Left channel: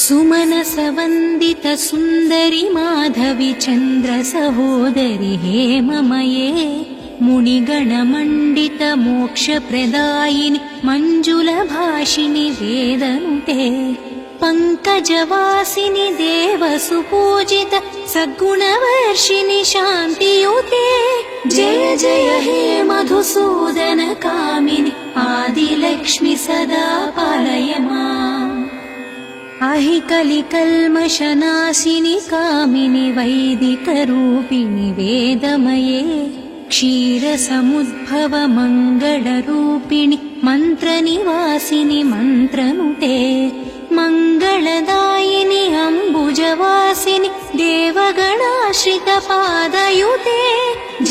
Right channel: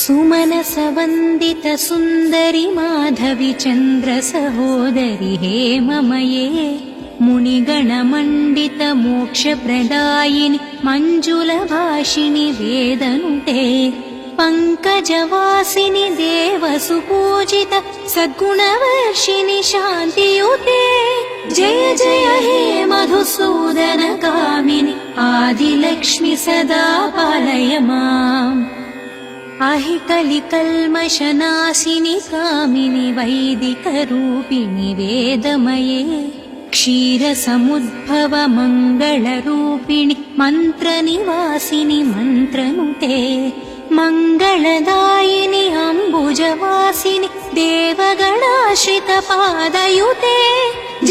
सुमनसवन्दित सुन्दरि माधवि चन्द्र सहोदरि हेममये मुनिगणमण्डित मोक्षप्रदायिनि मञ्जुलभाषिणि वेदन्ते पङ्कजवासिनि देवसुपूजित सद्गुणवर्षिणि शान्तियुते जय जय हे मधुसूदन कामिनि आदिलक्ष्मि सदा पालय माम् अहि कलिकल्मषनाशिनि कामिनि वैदिकरूपिणि वेदमये क्षीरसमुद्भव मङ्गलरूपिणि मन्त्रनिवासिनि मन्त्रनुते मङ्गलदायिनि अम्बुजवासिनि देवगणाश्रितपादयुते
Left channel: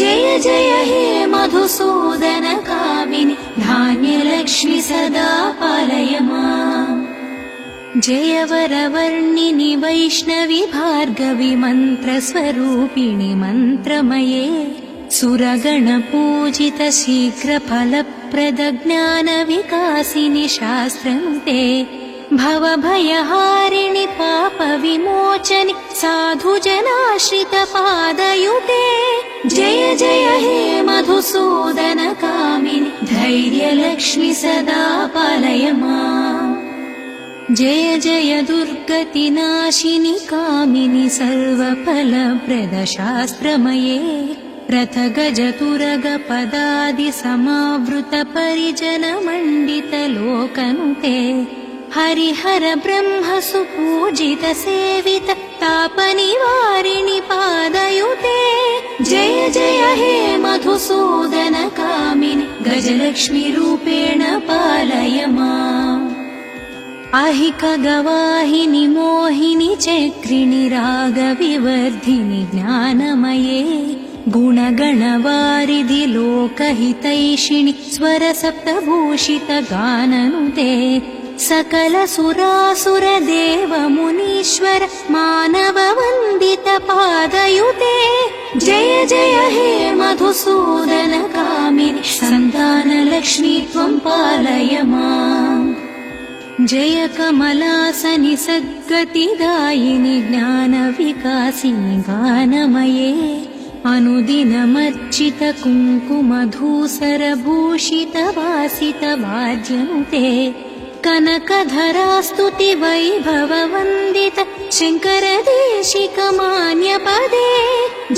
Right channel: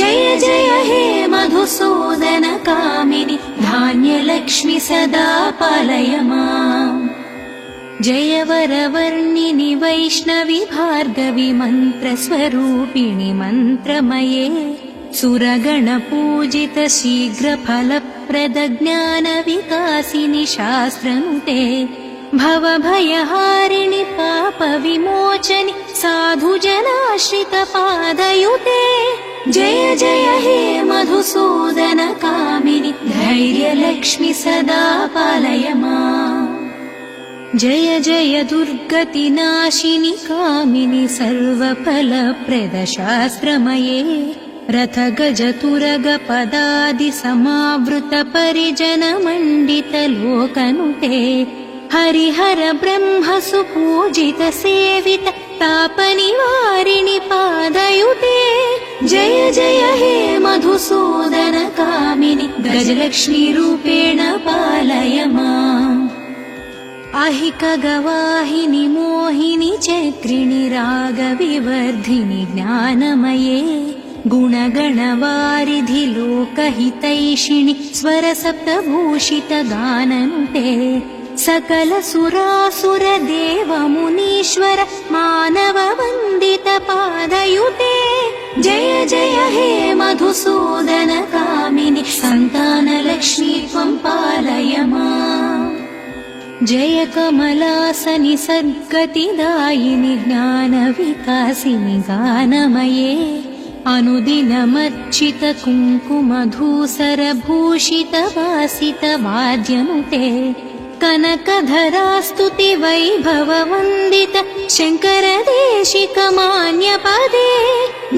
जय जय हे मधुसूदन कामिनि धान्यलक्ष्मि सदा पालय माम् जय वरवर्णिनि वैष्णवि भार्गवि मन्त्रस्वरूपिणि मन्त्रमये सुरगणपूजित शीघ्रफलप्रद ज्ञानविकासिनि शास्त्रनुते भवभयहारिणि पापविमोचनि साधुजनाश्रितपादयुते जय जय हे मधुसूदन कामिनि धैर्यलक्ष्मि सदा पालय माम् जय जय दुर्गतिनाशिनि कामिनि सर्वफलप्रद शास्त्रमये रथगजतुरग पदादि समावृत परिजन मण्डित लोकनुते हरिहर ब्रह्म सुपूजित सेवित तापनिवारिणि पादयुते जय जय हे मधुसूदन कामिनि गजलक्ष्मी रूपेण पालय माम् अहिक गवाहिनि मोहिनि चक्रिणि रागविवर्धिनि ज्ञानमये गुणगणवारिधि लोकहितैषिणि स्वरसप्तभूषित गाननुते सकल सुरासुर देव मुनीश्वर मानव वन्दित पादयुते जय जय हे मधुसूदन कामिनि सन्तानलक्ष्मी त्वं पालय माम् जय कमलासनि सद्गतिदायिनि ज्ञानविकासिनि गानमये अनुदिनमर्चित कुङ्कुमधूसरभूषित वासित वाद्यनुते कनकधरास्तुति वैभववन्दित शङ्करदेशिकमान्यपदे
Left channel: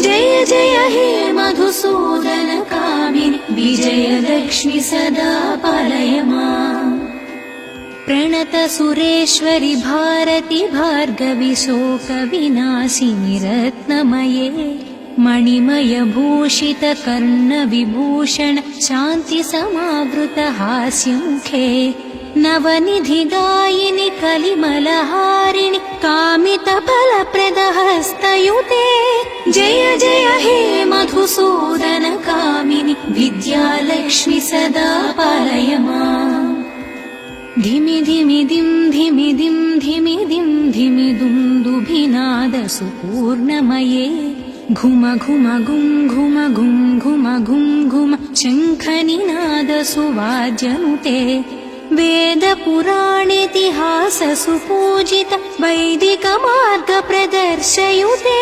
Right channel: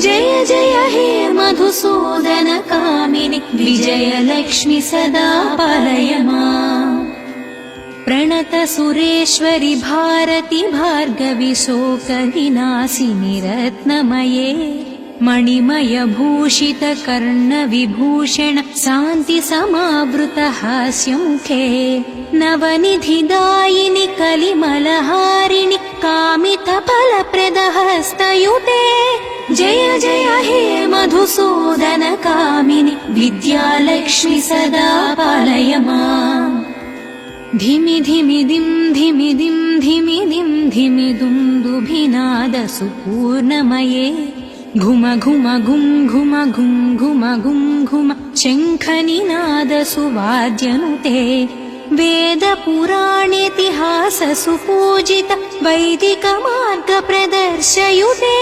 जय जय हे मधुसूदन कामिनि विजयलक्ष्मि सदा पालय माम् प्रणत सुरेश्वरि भारति भार्गवि शोकविनाशिनि रत्नमये मणिमय भूषित कर्णविभूषण शान्ति समावृत हास्यमुखे नवनिधिदायिनि कलिमलहारिणि कामित फलप्रद हस्तयुते जय जय हे मधुसूदन कामिनि विद्यालक्ष्मि सदा पालय माम् धिमि धिमि दिं धिमि दिं धिमि दिं धिमि दुन्दुभिनाद सुपूर्णमये घुम घुम घुं घुम घुं घुम घुं घुम शङ्खनिनाद सुवाद्यनुते वेद पुराणेतिहास सुपूजित वैदिक मार्ग प्रदर्शयुते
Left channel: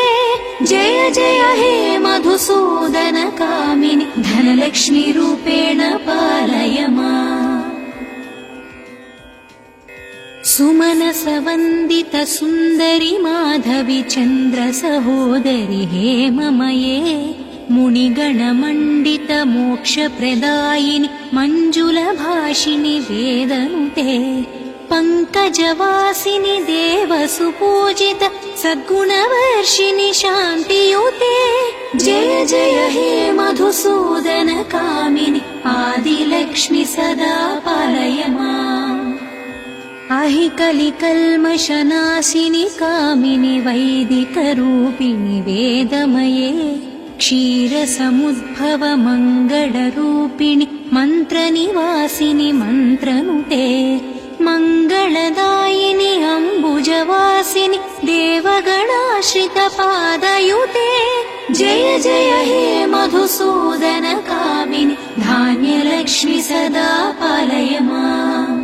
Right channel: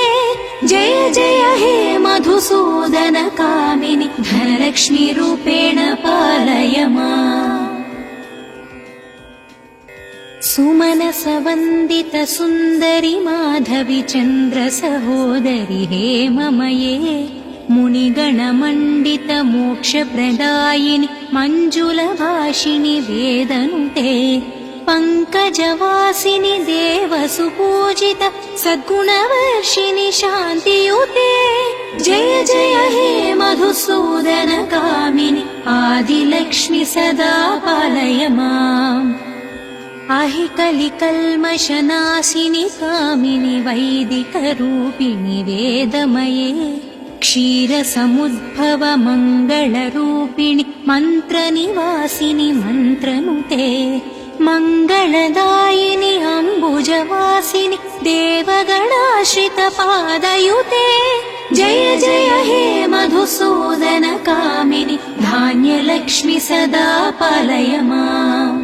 जय जय हे मधुसूदन कामिनि धनलक्ष्मी रूपेण पालय माम् सुमनसवन्दित सुन्दरि माधवि चन्द्र सहोदरि हेममये मुनिगणमण्डित मोक्षप्रदायिनि मञ्जुलभाषिणि वेदन्ते पङ्कजवासिनि देवसुपूजित सद्गुणवर्षिणि शान्तियुते जय जय हे मधुसूदन कामिनि आदिलक्ष्मि सदा पालय माम् अहि कलिकल्मषनाशिनि कामिनि वैदिकरूपिणि वेदमये क्षीरसमुद्भव मङ्गलरूपिणि मन्त्रनिवासिनि मन्त्रनुते मङ्गलदायिनि अम्बुजवासिनि देवगणाश्रितपादयुते जय जय हे मधुसूदन कामिनि धान्यलक्ष्मि सदा पालय माम्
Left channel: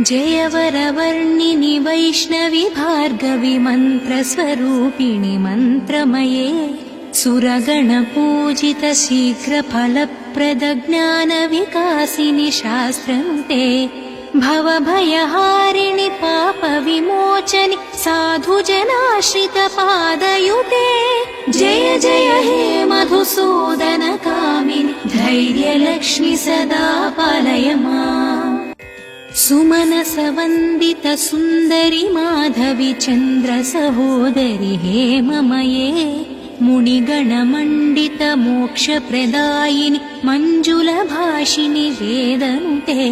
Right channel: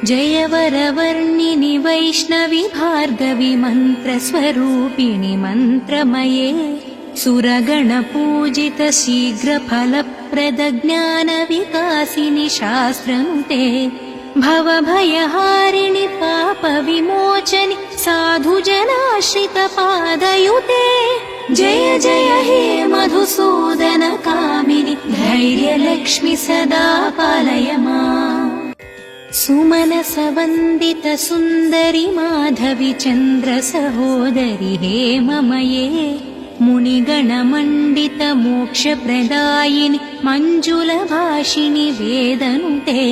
जय वरवर्णिनि वैष्णवि भार्गवि मन्त्रस्वरूपिणि मन्त्रमये सुरगणपूजित शीघ्रफलप्रद ज्ञानविकासिनि शास्त्रनुते भवभयहारिणि पापविमोचनि साधुजनाश्रितपादयुते जय जय हे मधुसूदन कामिनि धैर्यलक्ष्मि सदा पालय माम् सुमनसवन्दित सुन्दरि माधवि चन्द्र सहोदरि हेममये मुनिगणमण्डित मोक्षप्रदायिनि मञ्जुलभाषिणि वेदनुते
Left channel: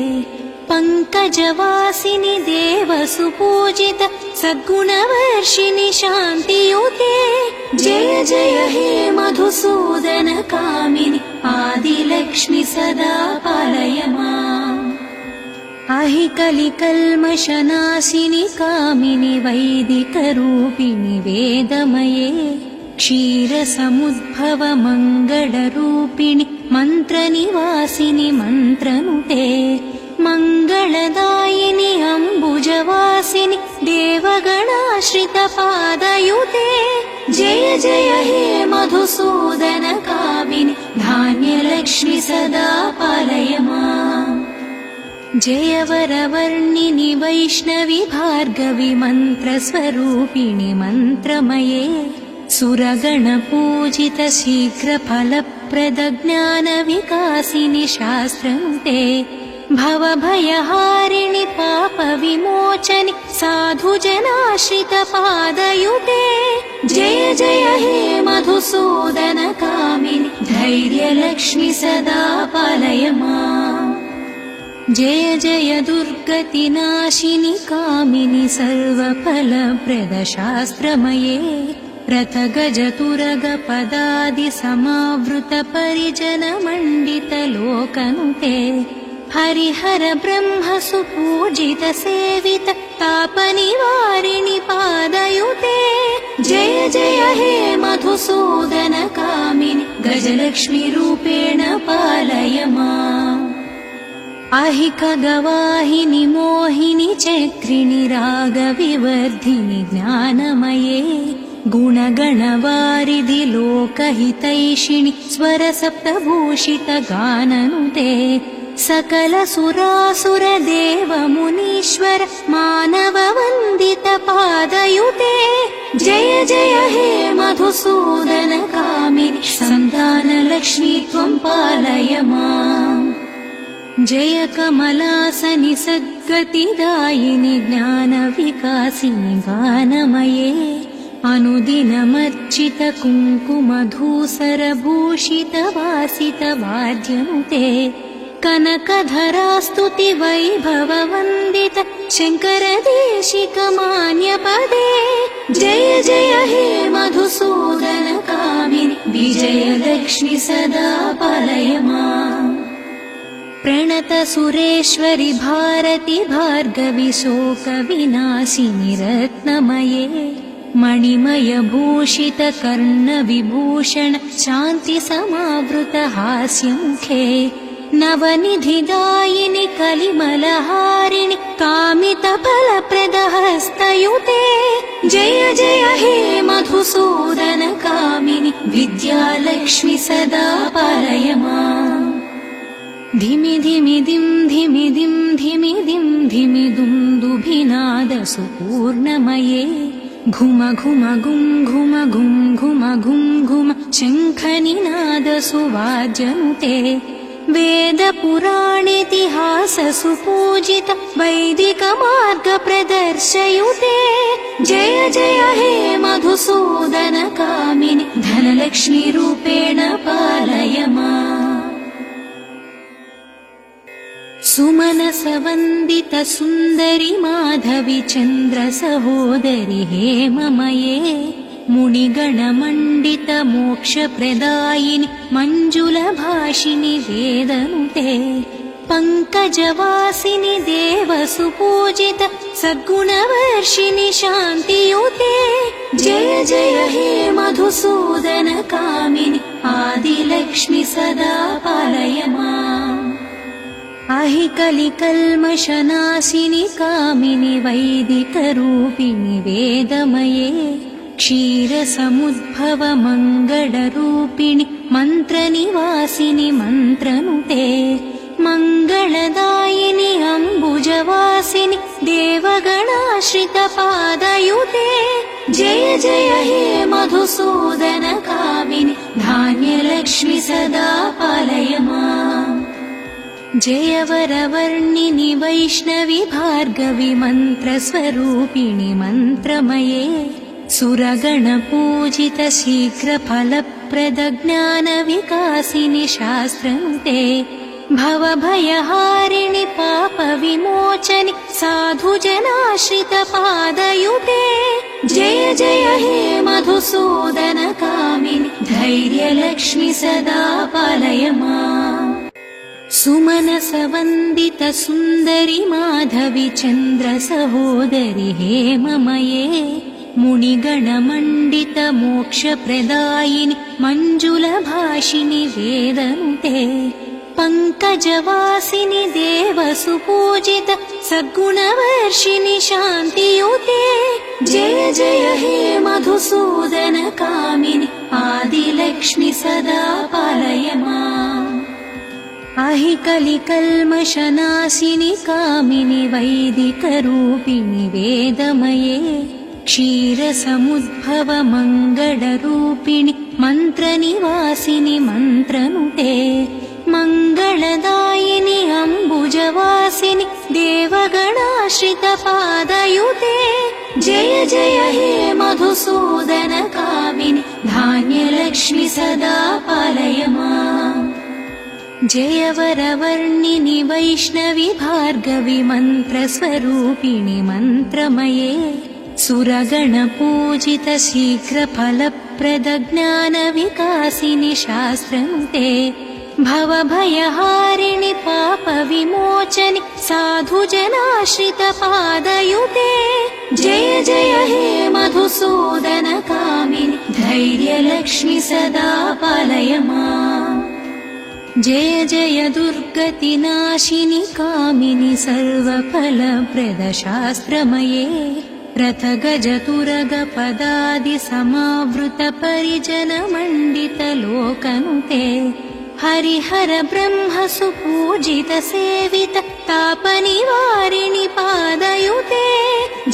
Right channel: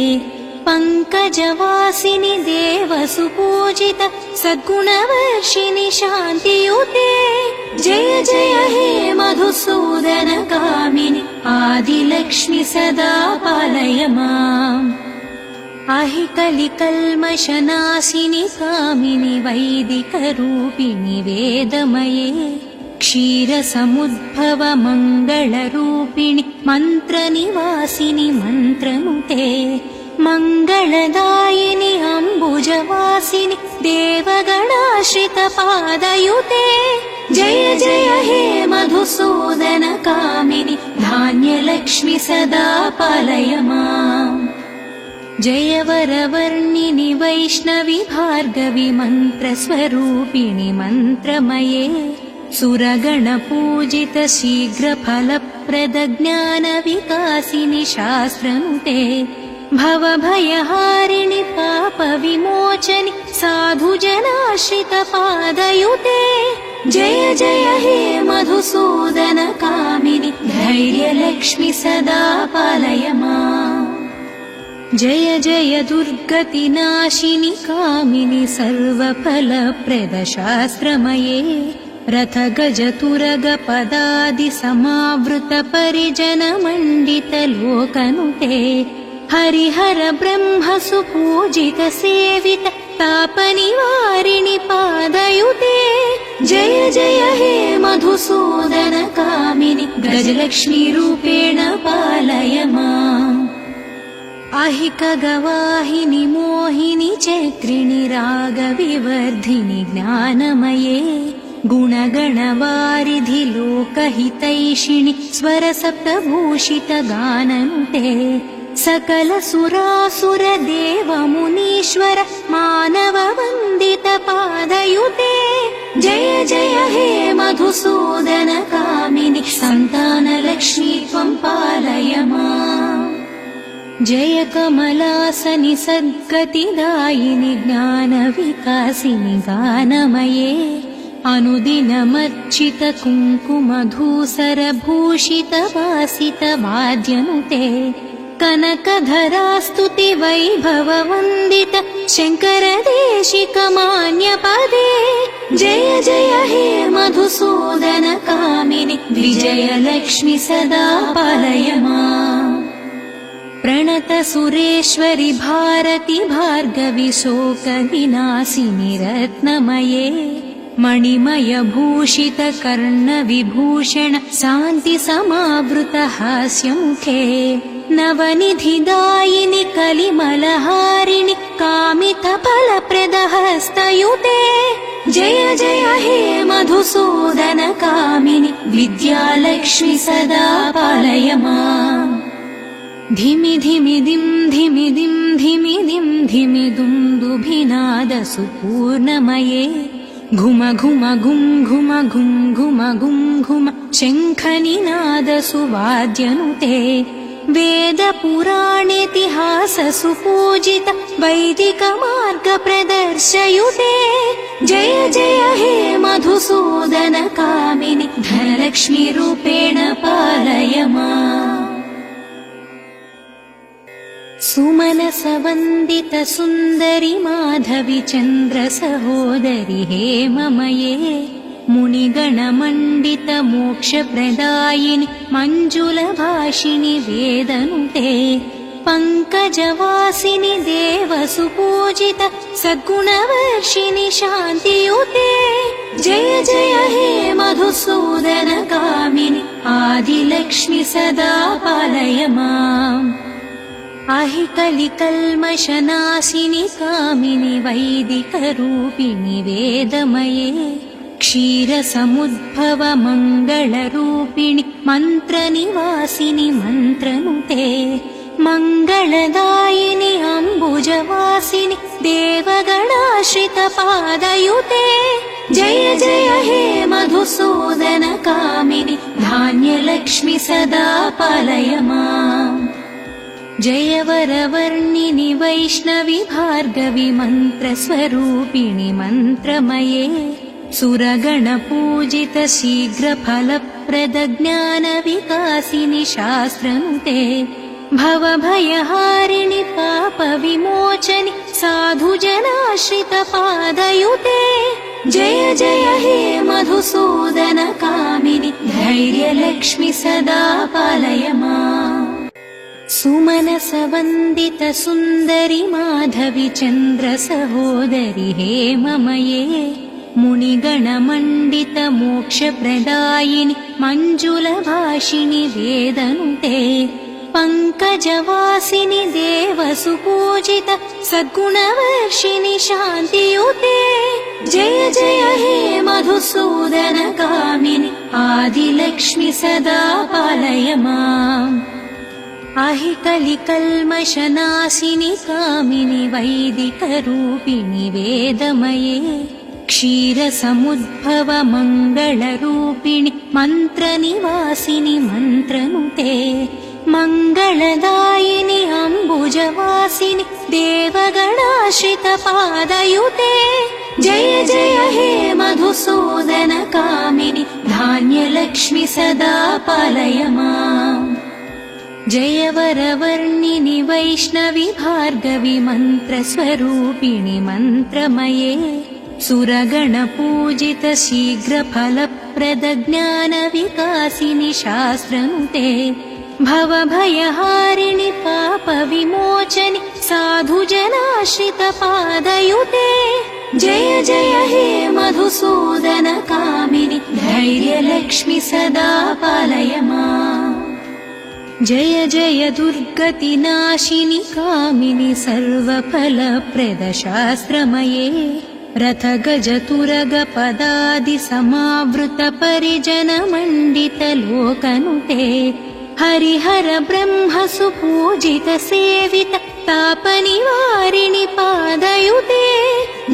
पङ्कजवासिनि देवसुपूजित सद्गुणवर्षिणि शान्तियुते जय जय हे मधुसूदन कामिनि आदिलक्ष्मि सदा पालय माम् अहि कलिकल्मषनाशिनि कामिनि वैदिकरूपिणि वेदमये क्षीरसमुद्भव मङ्गलरूपिणि मन्त्रनिवासिनि मन्त्रनुते मङ्गलदायिनि अम्बुजवासिनि देवगणाश्रितपादयुते जय जय हे मधुसूदन कामिनि धान्यलक्ष्मि सदा पालय माम् जय वरवर्णिनि वैष्णवि भार्गवि मन्त्रस्वरूपिणि मन्त्रमये सुरगणपूजित शीघ्रफलप्रद ज्ञानविकासिनि शास्त्रनुते भवभयहारिणि पापविमोचनि साधुजनाश्रितपादयुते जय जय हे मधुसूदन कामिनि धैर्यलक्ष्मि सदा पालय माम् जय जय दुर्गतिनाशिनि कामिनि सर्वफलप्रद शास्त्रमये रथ गज तुरग पदादि समावृत परिजन मण्डित लोकनुते हरिहर ब्रह्म सुपूजित सेवित तापनिवारिणि पादयुते जय जय हे मधुसूदन कामिनि गजलक्ष्मी रूपेण पालय माम् अहि खगवाहिनि मोहिनि चक्रिणि रागविवर्धिनि ज्ञानमये गुणगणवारिधि लोकहितैषिणि स्वरसप्तभूषित गाननुते सकल सुरासुर देव मुनीश्वर मानव वन्दित पादयुते जय जय हे मधुसूदन कामिनि सन्तानलक्ष्मी त्वं पालय माम् जय कमलासनि सद्गतिदायिनि ज्ञानविकासिनि गानमये अनुदिनमर्चित कुङ्कुमधूसरभूषित वासित वाद्यनुते कनकधरास्तुति वैभव वन्दित शङ्कर देशिक मान्यपदे जय जय हे मधुसूदन कामिनि विजयलक्ष्मि सदा पालय माम् प्रणत सुरेश्वरि भारति भार्गवि शोकविनाशिनि रत्नमये मणिमय भूषित कर्णविभूषण शान्ति समावृत हास्यमुखे नवनिधिदायिनि कलिमलहारिणि कामित फलप्रद हस्तयुते जय जय हे मधुसूदन कामिनि विद्यालक्ष्मि सदा पालय माम् धिमि धिमि दिं धिमि दिं धिमि दिं धिमि दुन्दुभिनाद सुपूर्णमये घुम घुम घुं घुम घुं घुम घुं घुम शङ्खनिनाद सुवाद्यनुते वेद पुराणेतिहास सुपूजित वैदिक मार्ग प्रदर्शयुते जय जय हे मधुसूदन कामिनि धनलक्ष्मी रूपेण पालय माम् सुमनसवन्दित सुन्दरि माधवि चन्द्र सहोदरि हेममये मुनिगणमण्डित मोक्षप्रदायिनि मञ्जुलभाषिणि वेदनुते पङ्कजवासिनि देवसुपूजित सद्गुणवर्षिणि शान्तियुते जय जय हे मधुसूदन कामिनि आदिलक्ष्मि सदा पालय माम् अहि कलिकल्मषनाशिनि कामिनि वैदिकरूपिणि वेदमये क्षीरसमुद्भव मङ्गलरूपिणि मन्त्रनिवासिनि मन्त्रनुते मङ्गलदायिनि अम्बुजवासिनि देवगणाश्रितपादयुते जय जय हे मधुसूदन कामिनि धान्यलक्ष्मि सदा पालय माम् जय वरवर्णिनि वैष्णवि भार्गवि मन्त्रस्वरूपिणि मन्त्रमये सुरगणपूजित शीघ्रफलप्रद ज्ञानविकासिनि शास्त्रनुते भवभयहारिणि पापविमोचनि साधुजनाश्रितपादयुते जय जय हे मधुसूदन कामिनि धैर्यलक्ष्मि सदा पालय माम् सुमनसवन्दित सुन्दरि माधवि चन्द्र सहोदरि हेममये मुनिगणमण्डित मोक्षप्रदायिनि मञ्जुलभाषिणि वेदनुते पङ्कजवासिनि देवसुपूजित सद्गुणवर्षिणि शान्तियुते जय जय हे मधुसूदन कामिनि आदिलक्ष्मि सदा पालय माम् अहि कलिकल्मषनाशिनि कामिनि वैदिकरूपिणि वेदमये क्षीरसमुद्भव मङ्गलरूपिणि मन्त्रनिवासिनि मन्त्रनुते मङ्गलदायिनि अम्बुजवासिनि देवगणाश्रितपादयुते जय जय हे मधुसूदन कामिनि धान्यलक्ष्मि सदा पालय माम् जय वरवर्णिनि वैष्णवि भार्गवि मन्त्रस्वरूपिणि मन्त्रमये सुरगणपूजित शीघ्रफलप्रद ज्ञानविकासिनि शास्त्रनुते भवभयहारिणि पापविमोचनि साधुजनाश्रितपादयुते जय जय हे मधुसूदन कामिनि धैर्यलक्ष्मि सदा पालय माम् जय जय दुर्गतिनाशिनि कामिनि सर्वफलप्रद शास्त्रमये रथ गज तुरग पदादि समावृत परिजन मण्डित लोकनुते हरिहर ब्रह्म सुपूजित सेवित तापनिवारिणि पादयुते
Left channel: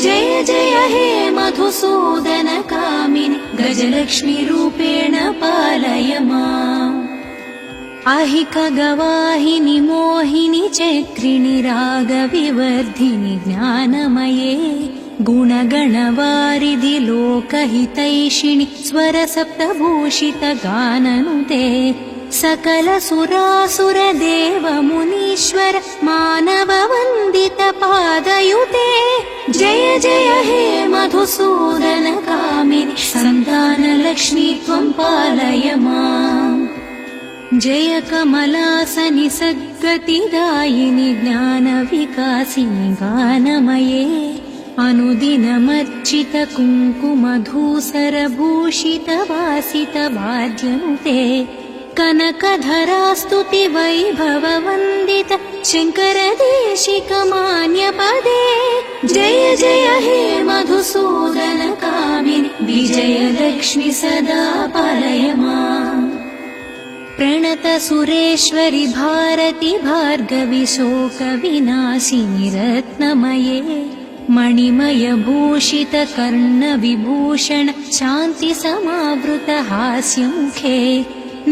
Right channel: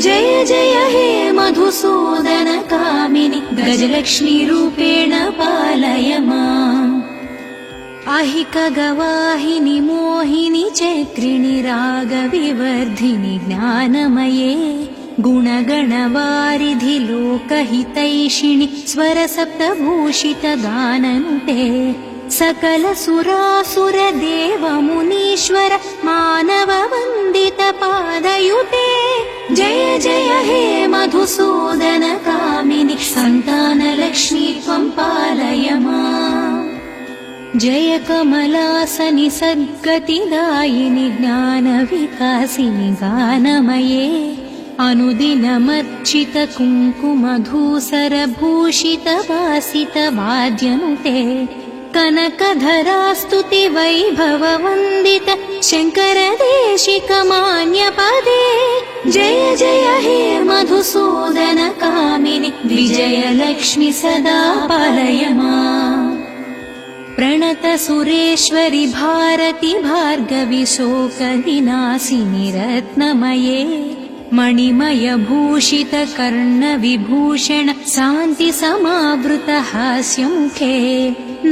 जय जय हे मधुसूदन कामिनि गजलक्ष्मी रूपेण पालय माम् अहि खगवाहिनि मोहिनि चैत्रिणि रागविवर्धिनि ज्ञानमये गुणगणवारिधि लोकहितैषिणि स्वरसप्तभूषित गाननुते सकल सुरासुर देव मुनीश्वर मानव वन्दित पादयुते जय जय हे मधुसूदन कामिनि सन्तानलक्ष्मी त्वं पालय माम् जय कमलासनि सद्गतिदायिनि ज्ञानविकासिनि गानमये अनुदिनमर्चित कुङ्कुमधूसरभूषित वासित वाद्यनुते कनकधरास्तुति वैभव वन्दित शङ्कर देशिक मान्यपदे जय जय हे मधुसूदन कामिनि विजयलक्ष्मि सदा पालय माम् प्रणत सुरेश्वरि भारति भार्गवि शोकविनाशिनि रत्नमये मणिमय भूषित कर्णविभूषण शान्ति समावृत हास्यमुखे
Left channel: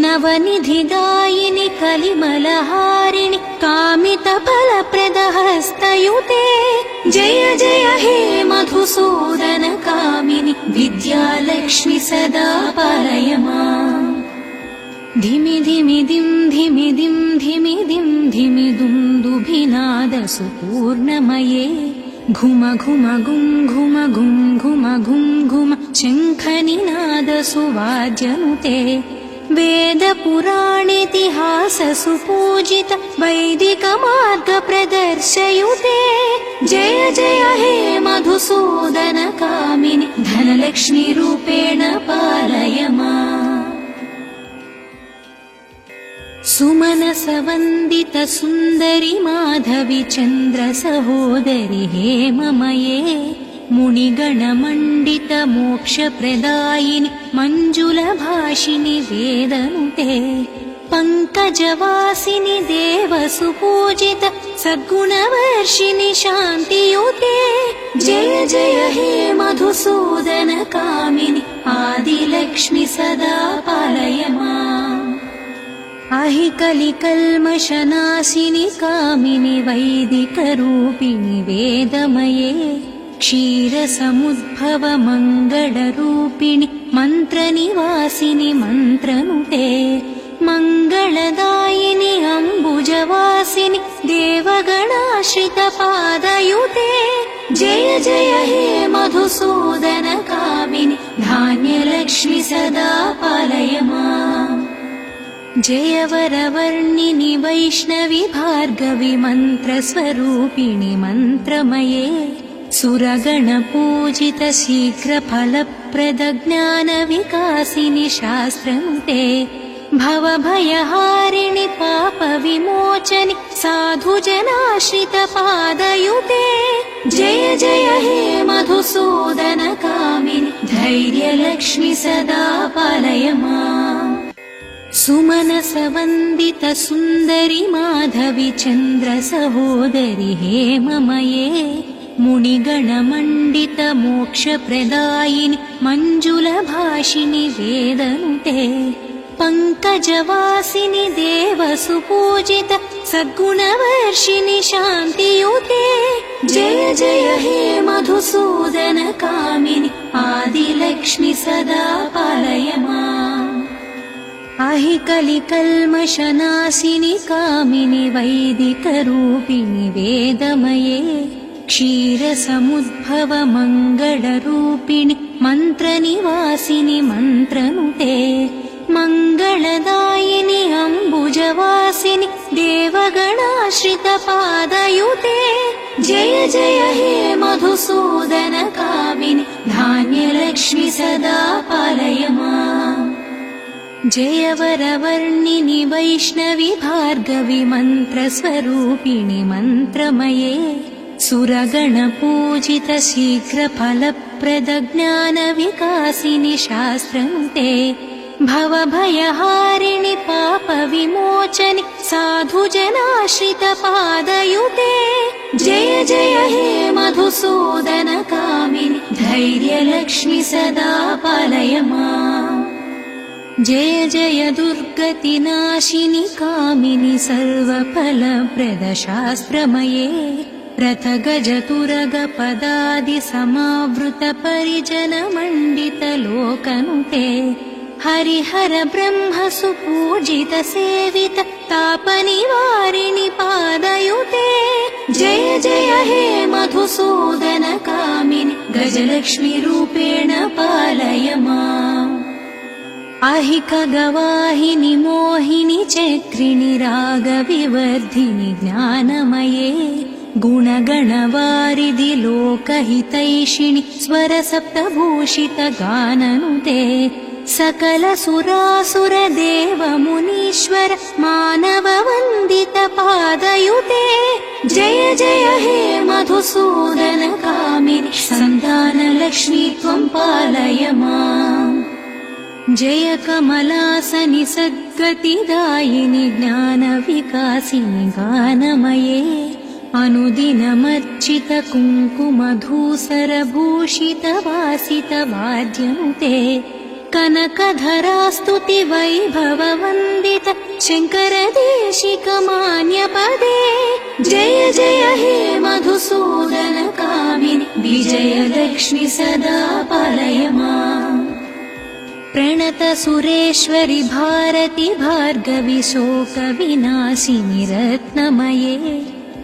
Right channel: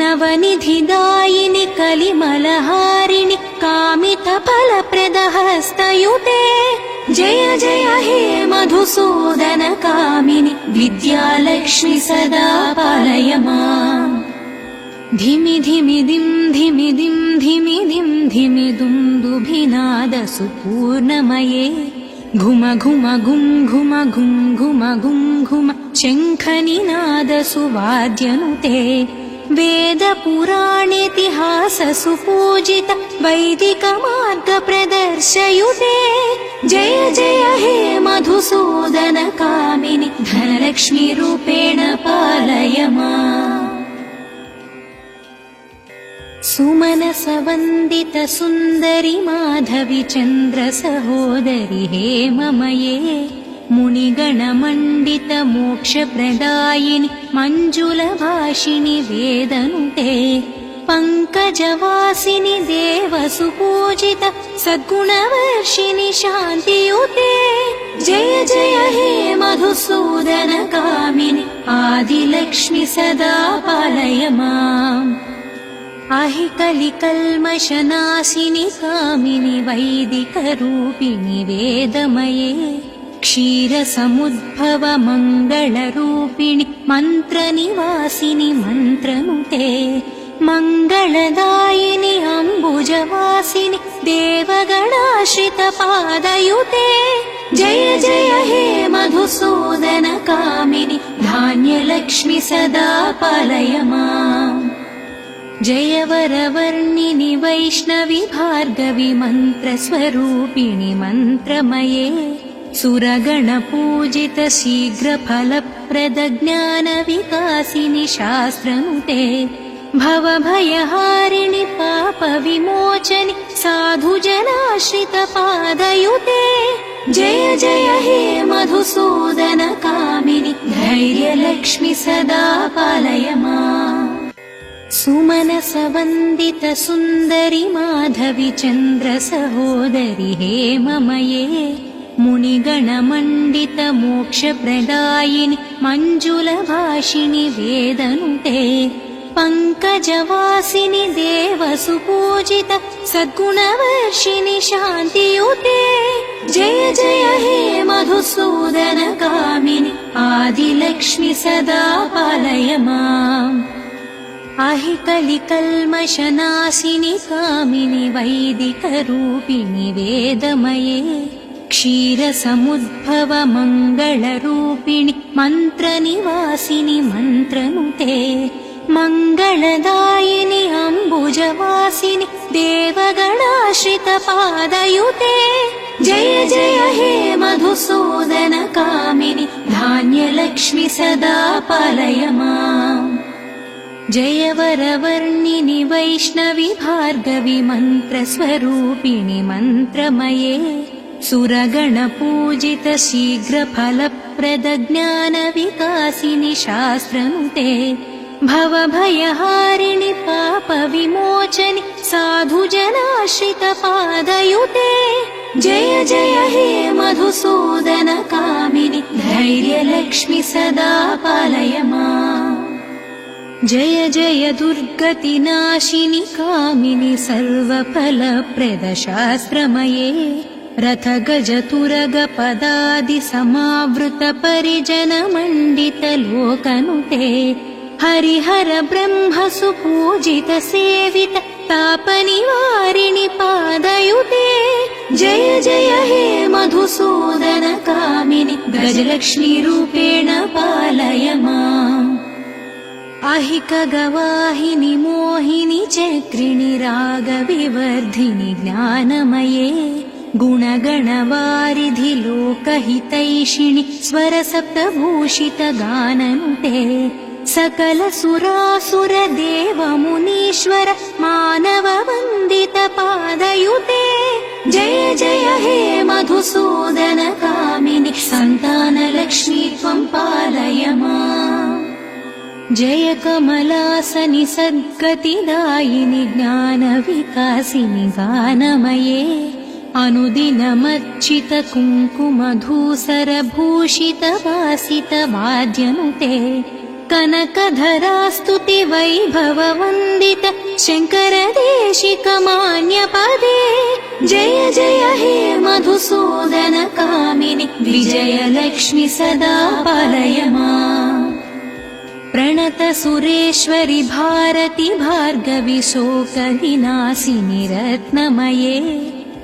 नवनिधिदायिनि कलिमलहारिणि कामित फलप्रद हस्तयुते जय जय हे मधुसूदन कामिनि विद्यालक्ष्मि सदा पालय माम् धिमि धिमि दिं धिमि दिं धिमि दिं धिमि दुन्दुभिनाद सुपूर्णमये घुम घुम घुं घुम घुं घुम घुं घुम शङ्खनिनाद सुवाद्यनुते वेद पुराणेतिहास सुपूजित वैदिक मार्ग प्रदर्शयुते जय जय हे मधुसूदन कामिनि धनलक्ष्मी रूपेण पालय माम् सुमनसवन्दित सुन्दरि माधवि चन्द्र सहोदरि हेममये मुनिगणमण्डित मोक्षप्रदायिनि मञ्जुलभाषिणि वेदन्ते पङ्कजवासिनि देवसुपूजित सद्गुणवर्षिणि शान्तियुते जय जय हे मधुसूदन कामिनि आदिलक्ष्मि सदा पालय माम् अहि कलिकल्मषनाशिनि कामिनि वैदिकरूपिणि वेदमये क्षीरसमुद्भव मङ्गलरूपिणि मन्त्रनिवासिनि मन्त्रनुते मङ्गलदायिनि अम्बुजवासिनि देवगणाश्रित पादयुते जय जय हे मधुसूदन कामिनि धान्यलक्ष्मि सदा पालय माम् जय वरवर्णिनि वैष्णवि भार्गवि मन्त्रस्वरूपिणि मन्त्रमये सुरगणपूजित शीघ्रफलप्रद ज्ञानविकासिनि शास्त्रनुते भवभयहारिणि पापविमोचनि साधुजनाश्रित पादयुते जय जय हे मधुसूदन कामिनि धैर्यलक्ष्मि सदा पालय माम् सुमनसवन्दित सुन्दरि माधवि चन्द्र सहोदरि हेममये मुनिगणमण्डित मोक्षप्रदायिनि मञ्जुलभाषिणि वेदन्ते पङ्कजवासिनि देवसुपूजित सद्गुणवर्षिणि शान्तियुते जय जय हे मधुसूदन कामिनि आदिलक्ष्मि सदा पालय माम् अहि कलिकल्मषनाशिनि कामिनि वैदिकरूपिणि वेदमये क्षीरसमुद्भव मङ्गलरूपिणि मन्त्रनिवासिनि मन्त्रनुते मङ्गलदायिनि अम्बुजवासिनि देवगणाश्रित पादयुते जय जय हे मधुसूदन कामिनि धान्यलक्ष्मि सदा पालय माम् जय वरवर्णिनि वैष्णवि भार्गवि मन्त्रस्वरूपिणि मन्त्रमये सुरगणपूजित शीघ्रफलप्रद ज्ञानविकासिनि शास्त्रनुते भवभयहारिणि पापविमोचनि साधुजनाश्रित पादयुते जय जय हे मधुसूदन कामिनि धैर्यलक्ष्मि सदा पालय माम् जय जय दुर्गतिनाशिनि कामिनि सर्वफलप्रद शास्त्रमये रथ गज तुरग पदादि समावृत परिजन मण्डित लोकनुते हरिहर ब्रह्म सुपूजित सेवित तापनिवारिणि पादयुते जय जय हे मधुसूदन कामिनि गजलक्ष्मी रूपेण पालय माम् अहि खगवाहिनि मोहिनि चक्रिणि रागविवर्धिनि ज्ञानमये गुणगणवारिधि लोकहितैषिणि स्वरसप्तभूषित गाननुते सकल सुरासुर देव मुनीश्वर मानव वन्दित पादयुते जय जय हे मधुसूदन कामिनि सन्तानलक्ष्मी त्वं पालय माम् जय कमलासनि सद्गतिदायिनि ज्ञानविकासिनि गानमये अनुदिनमर्चित कुङ्कुमधूसर भूषित वासित वाद्यनुते कनकधरास्तुति वैभव वन्दित शङ्कर देशिक मान्यपदे जय जय हे मधुसूदन कामिनि विजयलक्ष्मि सदा पालय माम् प्रणत सुरेश्वरि भारति भार्गवि शोकविनाशिनि रत्नमये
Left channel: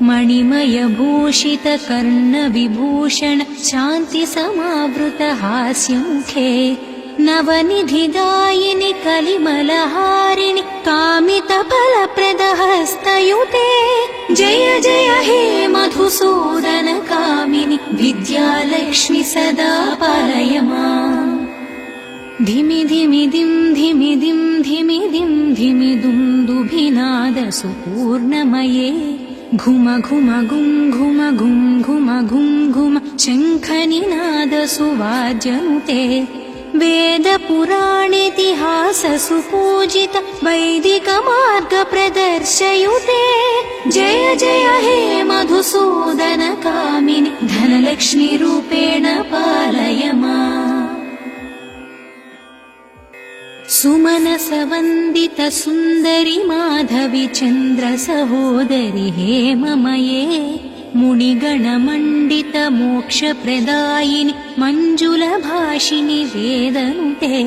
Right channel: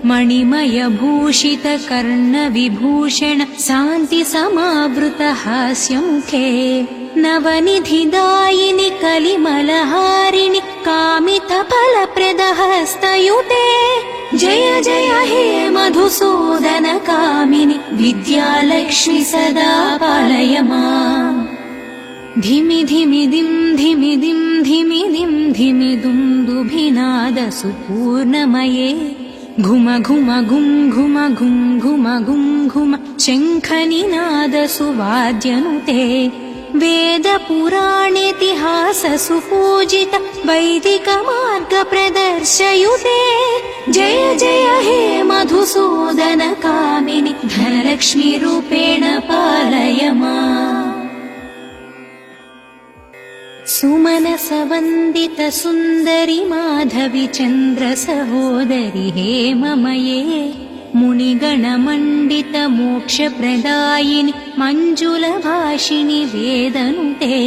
मणिमय भूषित कर्णविभूषण शान्ति समावृत हास्यमुखे नवनिधिदायिनि कलिमलहारिणि कामित फलप्रद हस्तयुते जय जय हे मधुसूदन कामिनि विद्यालक्ष्मि सदा पालय माम् धिमि धिमि दिं धिमि दिं धिमि दिं धिमि दुन्दुभिनादसुपूर्णमये घुम घुम घुं घुम घुं घुम घुं घुम शङ्खनिनादसुवाद्यनुते वेदपुराणेतिहाससुपूजित वैदिकमार्गप्रदर्शयुते जय जय हे मधुसूदन कामिनि धनलक्ष्मीरूपेण पालय माम् सुमनसवन्दित सुन्दरि माधवि चन्द्र सहोदरि हेममये मुनिगणमण्डित मोक्षप्रदायिनि मञ्जुलभाषिणि वेदनुते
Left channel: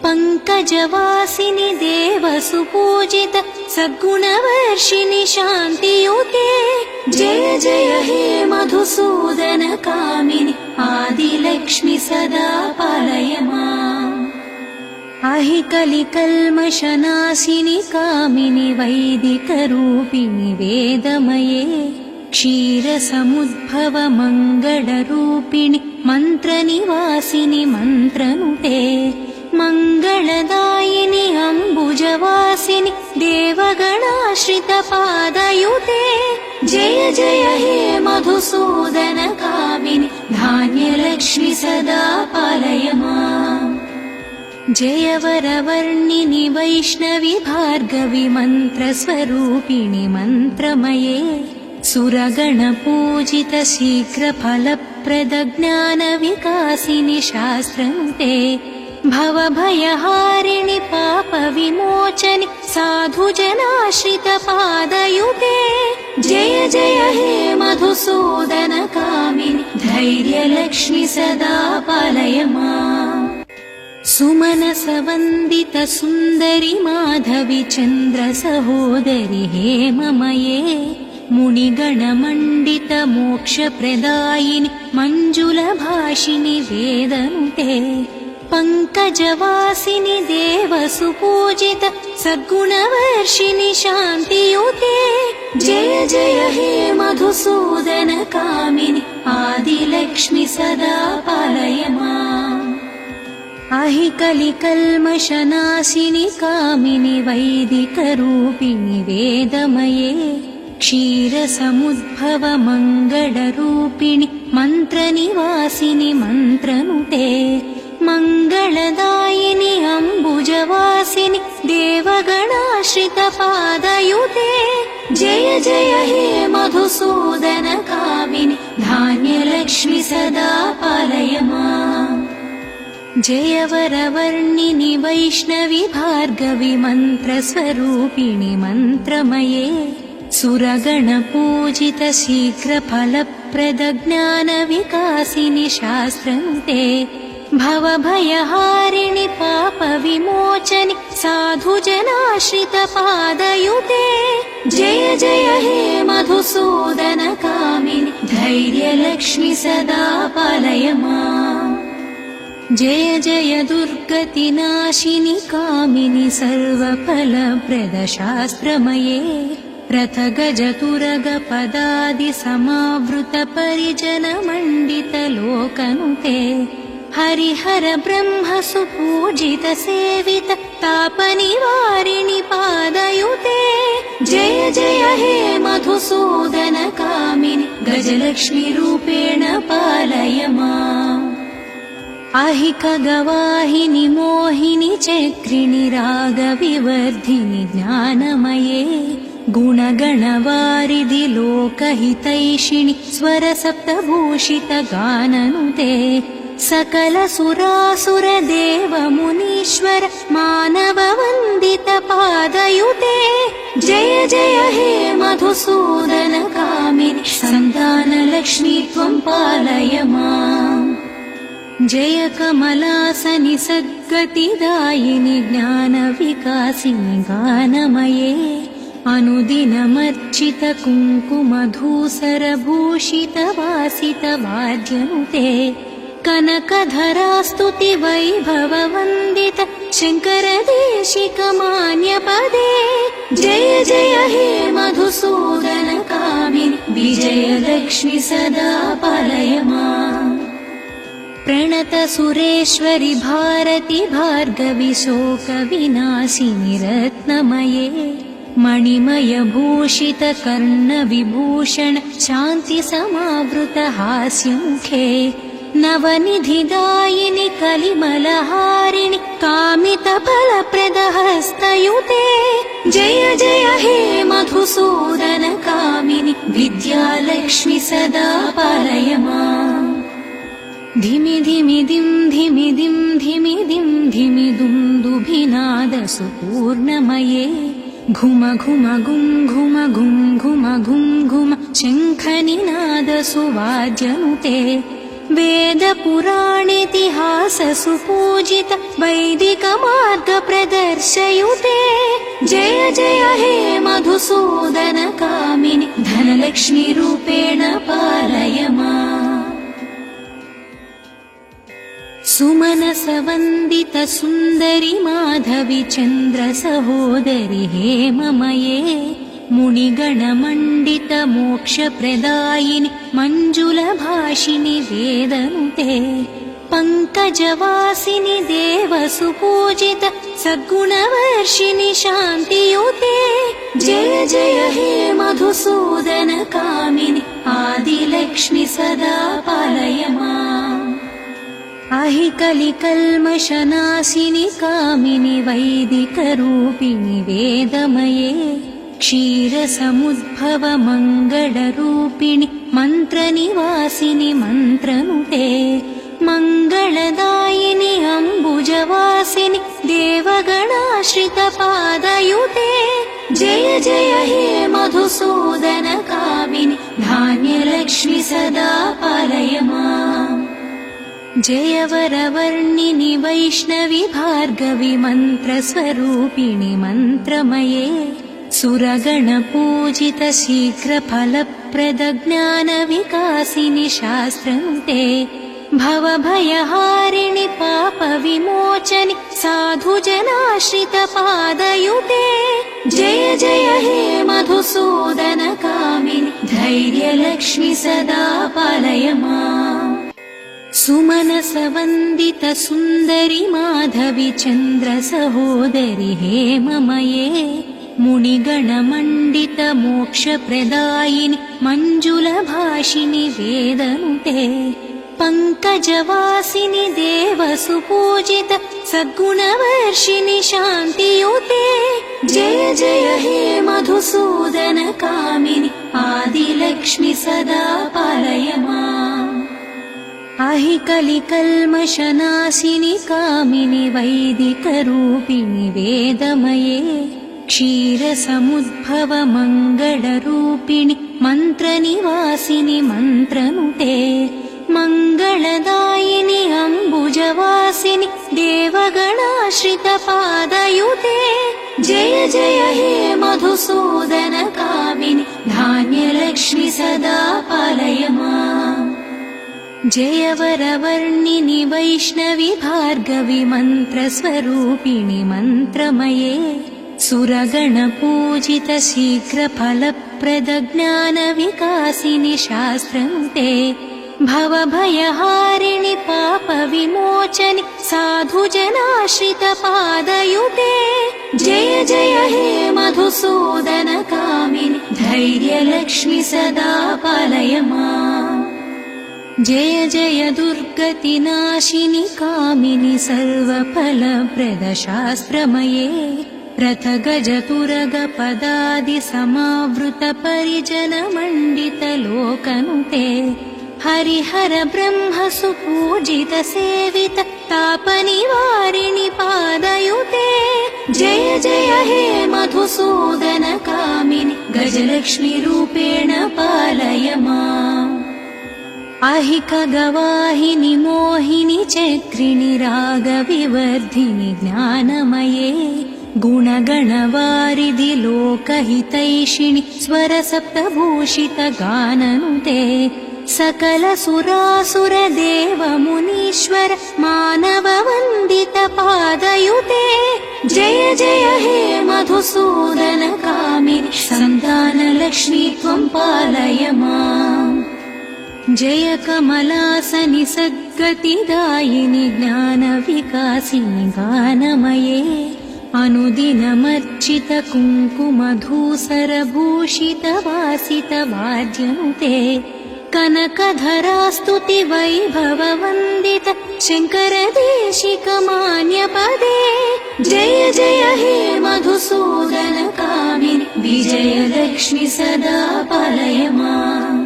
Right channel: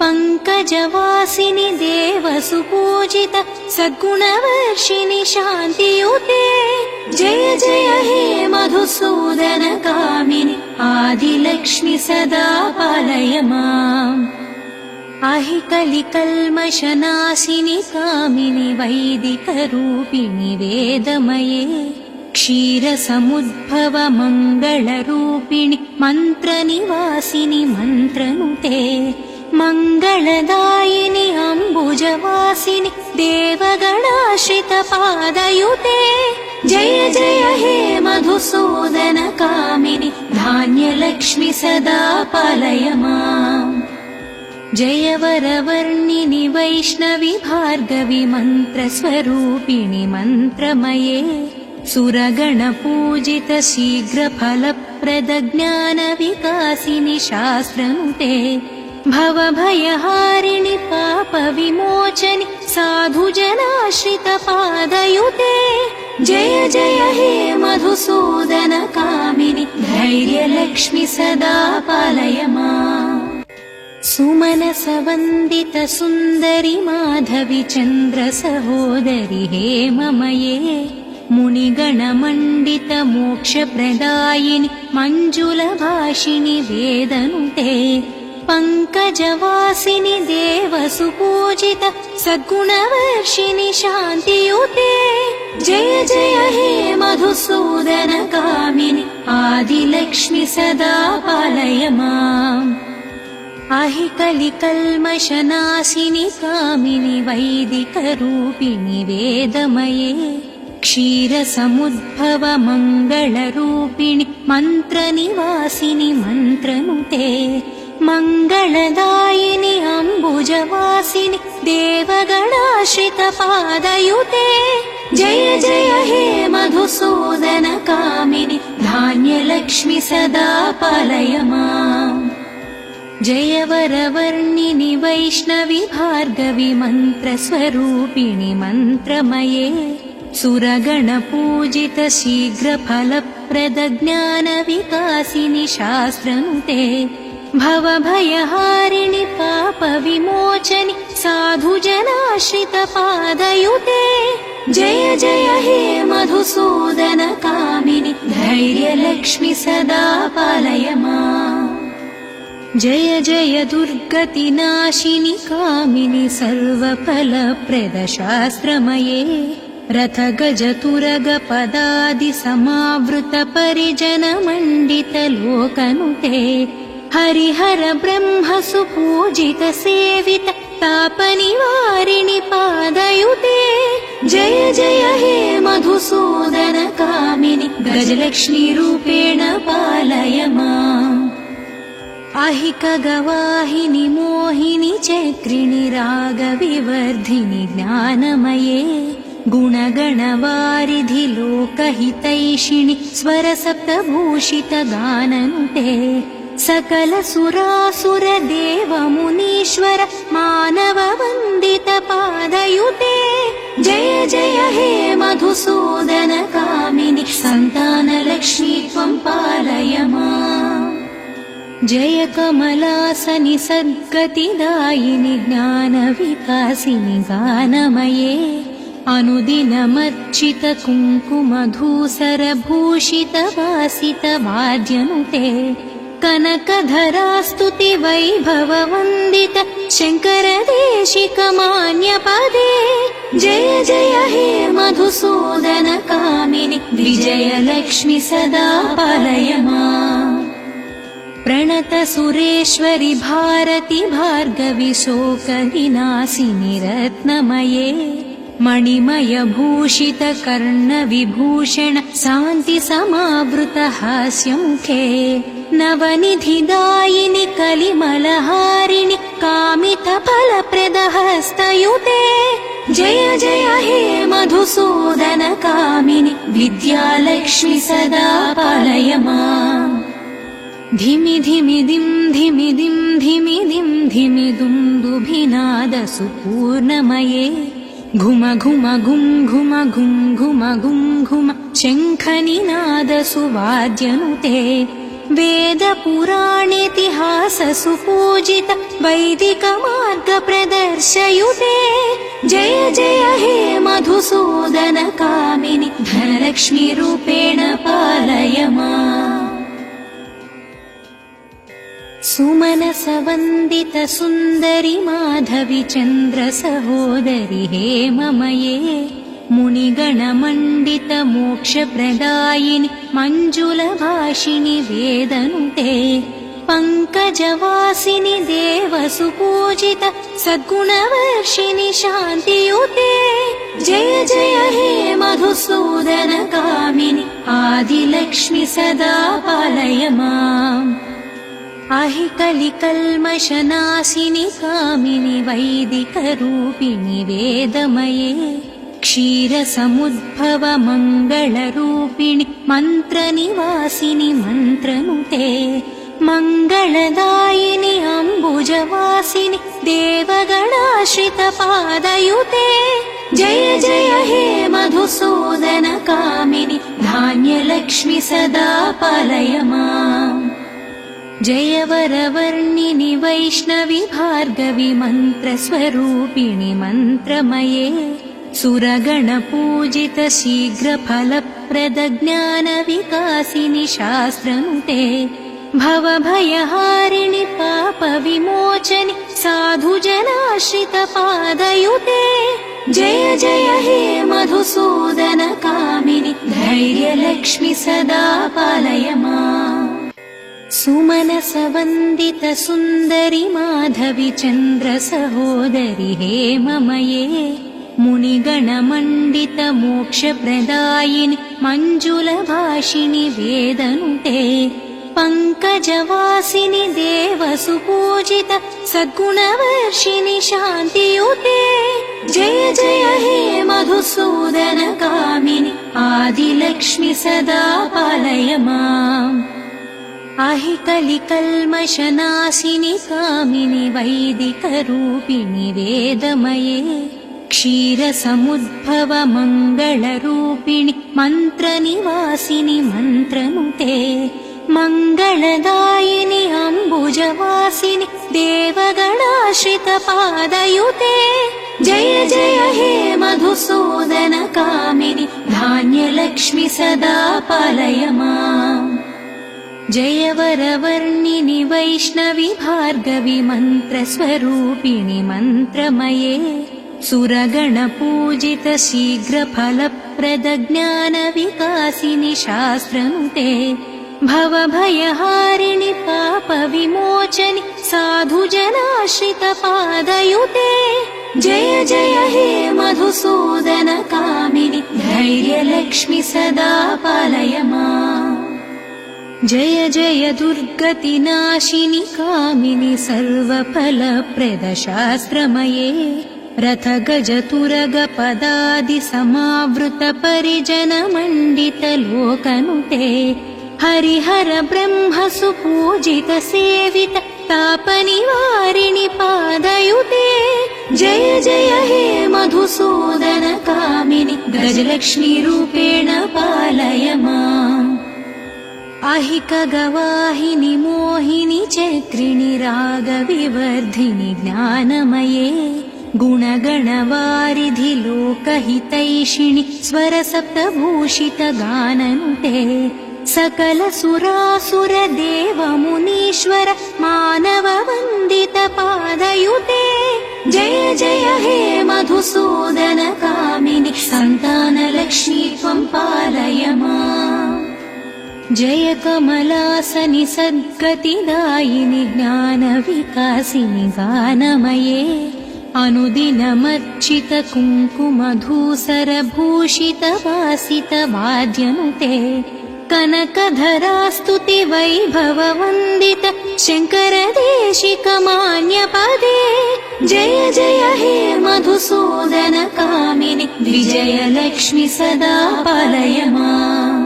पङ्कजवासिनि देवसुपूजित सद्गुणवर्षिणि शान्तियुते जय जय हे मधुसूदन कामिनि आदिलक्ष्मि सदा पालय माम् अहिकलिकल्मषनाशिनि कामिनि वैदिकरूपिणि वेदमये क्षीरसमुद्भव मङ्गलरूपिणि मन्त्रनिवासिनि मन्त्रनुते मङ्गलदायिनि अम्बुजवासिनि देवगणाश्रित पादयुते जय जय हे मधुसूदन कामिनि धान्यलक्ष्मि सदा पालय माम् जय वरवर्णिनि वैष्णवि भार्गवि मन्त्रस्वरूपिणि मन्त्रमये सुरगणपूजित शीघ्रफलप्रद ज्ञानविकासिनि शास्त्रनुते भवभयहारिणि पापविमोचनि साधुजनाश्रित पादयुते जय जय हे मधुसूदन कामिनि धैर्यलक्ष्मि सदा पालय माम् सुमनसवन्दित सुन्दरि माधवि चन्द्र सहोदरि हेममये मुनिगणमण्डित मोक्षप्रदायिनि मञ्जुलभाषिणि वेदनुते पङ्कजवासिनि देवसुपूजित सद्गुणवर्षिणि शान्तियुते जय जय हे मधुसूदन कामिनि आदिलक्ष्मि सदा पालय माम् अहिकलिकल्मषनाशिनि कामिनि वैदिकरूपिणि वेदमये क्षीरसमुद्भव मङ्गलरूपिणि मन्त्रनिवासिनि मन्त्रनुते मङ्गलदायिनि अम्बुजवासिनि देवगणाश्रित पादयुते जय जय हे मधुसूदन कामिनि धान्यलक्ष्मि सदा पालय माम् जय वरवर्णिनि वैष्णवि भार्गवि मन्त्रस्वरूपिणि मन्त्रमये सुरगणपूजित शीघ्रफलप्रद ज्ञानविकासिनि शास्त्रनुते भवभयहारिणि पापविमोचनि साधुजनाश्रित पादयुते जय जय हे मधुसूदन कामिनि धैर्यलक्ष्मि सदा पालय माम् जय जय दुर्गतिनाशिनि कामिनि सर्वफलप्रद शास्त्रमये रथगजतुरग पदादि समावृत परिजनमण्डित लोकनुते हरिहर ब्रह्म सुपूजित सेवित तापनिवारिणि पादयुते जय जय हे मधुसूदन कामिनि गजलक्ष्मी रूपेण पालय माम् अहिकगवाहिनि मोहिनि चक्रिणि रागविवर्धिनि ज्ञानमये गुणगणवारिधि लोकहितैषिणि स्वरसप्तभूषित गाननुते सकल सुरासुर देव मुनीश्वर मानव वन्दित पादयुते जय जय हे मधुसूदन कामिनि सन्तानलक्ष्मी त्वं पालय माम् जय कमलासनि सद्गतिदायिनि ज्ञानविकासिनि गानमये अनुदिनमर्चित कुङ्कुमधूसरभूषित वासित वाद्यनुते कनकधरास्तुति वैभव वन्दित शङ्कर देशिक मान्यपदे जय जय हे मधुसूदन कामिनि विजयलक्ष्मि सदा पालय माम् प्रणत सुरेश्वरि भारति भार्गवि शोकविनाशिनि रत्नमये मणिमय भूषित कर्ण विभूषण शान्ति समावृत हास्यमुखे नवनिधिदायिनि कलिमलहारिणि कामित फलप्रद हस्तयुते जय जय हे मधुसूदन कामिनि विद्यालक्ष्मि सदा पालय माम् धिमि धिमि दिं धिमि दिं धिमि दिं धिमि दुन्दुभिनाद सुपूर्णमये घुम घुम गुं घुम गुं घुम गुं घुम शङ्खनिनाद सुवाद्यनुते वेद पुराणेतिहास सुपूजित वैदिक मार्ग प्रदर्शयुते जय जय हे मधुसूदन कामिनि धनलक्ष्मी रूपेण पालय माम् सुमनसवन्दित सुन्दरि माधवि चन्द्र सहोदरि हेममये मुनिगणमण्डित मोक्षप्रदायिनि मञ्जुलभाषिणि वेदनुते पङ्कजवासिनि देवसुपूजित सद्गुणवर्षिणि शान्तियुते जय जय हे मधुसूदन कामिनि आदिलक्ष्मि सदा पालय माम् अहि कलिकल्मषनाशिनि कामिनि वैदिकरूपिणि वेदमये क्षीरसमुद्भव मङ्गलरूपिणि मन्त्रनिवासिनि मन्त्रनुते मङ्गलदायिनि अम्बुजवासिनि देवगणाश्रित पादयुते जय जय हे मधुसूदन कामिनि धान्यलक्ष्मि सदा पालय माम् जय वरवर्णिनि वैष्णवि भार्गवि मन्त्रस्वरूपिणि मन्त्रमये सुरगणपूजित शीघ्रफलप्रद ज्ञानविकासिनि शास्त्रनुते भवभयहारिणि पापविमोचनि साधुजनाश्रित पादयुते जय जय हे मधुसूदन कामिनि धैर्यलक्ष्मि सदा पालय माम् सुमनसवन्दित सुन्दरि माधवि चन्द्र सहोदरि हेममये मुनिगणमण्डित मोक्षप्रदायिनि मञ्जुलभाषिणि वेदनुते पङ्कजवासिनि देवसुपूजित सद्गुणवर्षिणि शान्तियुते जय जय हे मधुसूदन कामिनि आदिलक्ष्मि सदा पालय माम् अहि कलिकल्मषनाशिनि कामिनि वैदिकरूपिणि वेदमये क्षीरसमुद्भव मङ्गलरूपिणि मन्त्रनिवासिनि मन्त्रनुते मङ्गलदायिनि अम्बुजवासिनि देवगणाश्रित पादयुते जय जय हे मधुसूदन कामिनि धान्यलक्ष्मि सदा पालय माम् जय वरवर्णिनि वैष्णवि भार्गवि मन्त्रस्वरूपिणि मन्त्रमये सुरगणपूजित शीघ्रफलप्रद ज्ञानविकासिनि शास्त्रनुते भवभयहारिणि पापविमोचनि साधुजनाश्रित पादयुते जय जय हे मधुसूदन कामिनि धैर्यलक्ष्मि सदा पालय माम् जय जय दुर्गतिनाशिनि कामिनि सर्वफलप्रद शास्त्रमये रथ गज तुरग पदादि समावृत परिजन मण्डित लोकनुते हरिहर ब्रह्म सुपूजित सेवित तापनिवारिणि पादयुते जय जय हे मधुसूदन कामिनि गजलक्ष्मी रूपेण पालय माम् अहि खगवाहिनि मोहिनि चक्रिणि रागविवर्धिनि ज्ञानमये गुणगणवारिधि लोकहितैषिणि स्वरसप्तभूषित गाननुते सकल सुरासुर देव मुनीश्वर मानव वन्दित पादयुते जय जय हे मधुसूदन कामिनि सन्तानलक्ष्मी त्वं पालय माम् जय कमलासनि सद्गतिदायिनि ज्ञानविकासिनि गानमये अनुदिनमर्चित कुङ्कुमधूसरभूषितवासितवाद्यनुते कनकधरास्तुति वैभववन्दित शङ्करदेशिकमान्यपदे जय जय हे मधुसूदन कामिनि विजयलक्ष्मि सदा पालय माम्।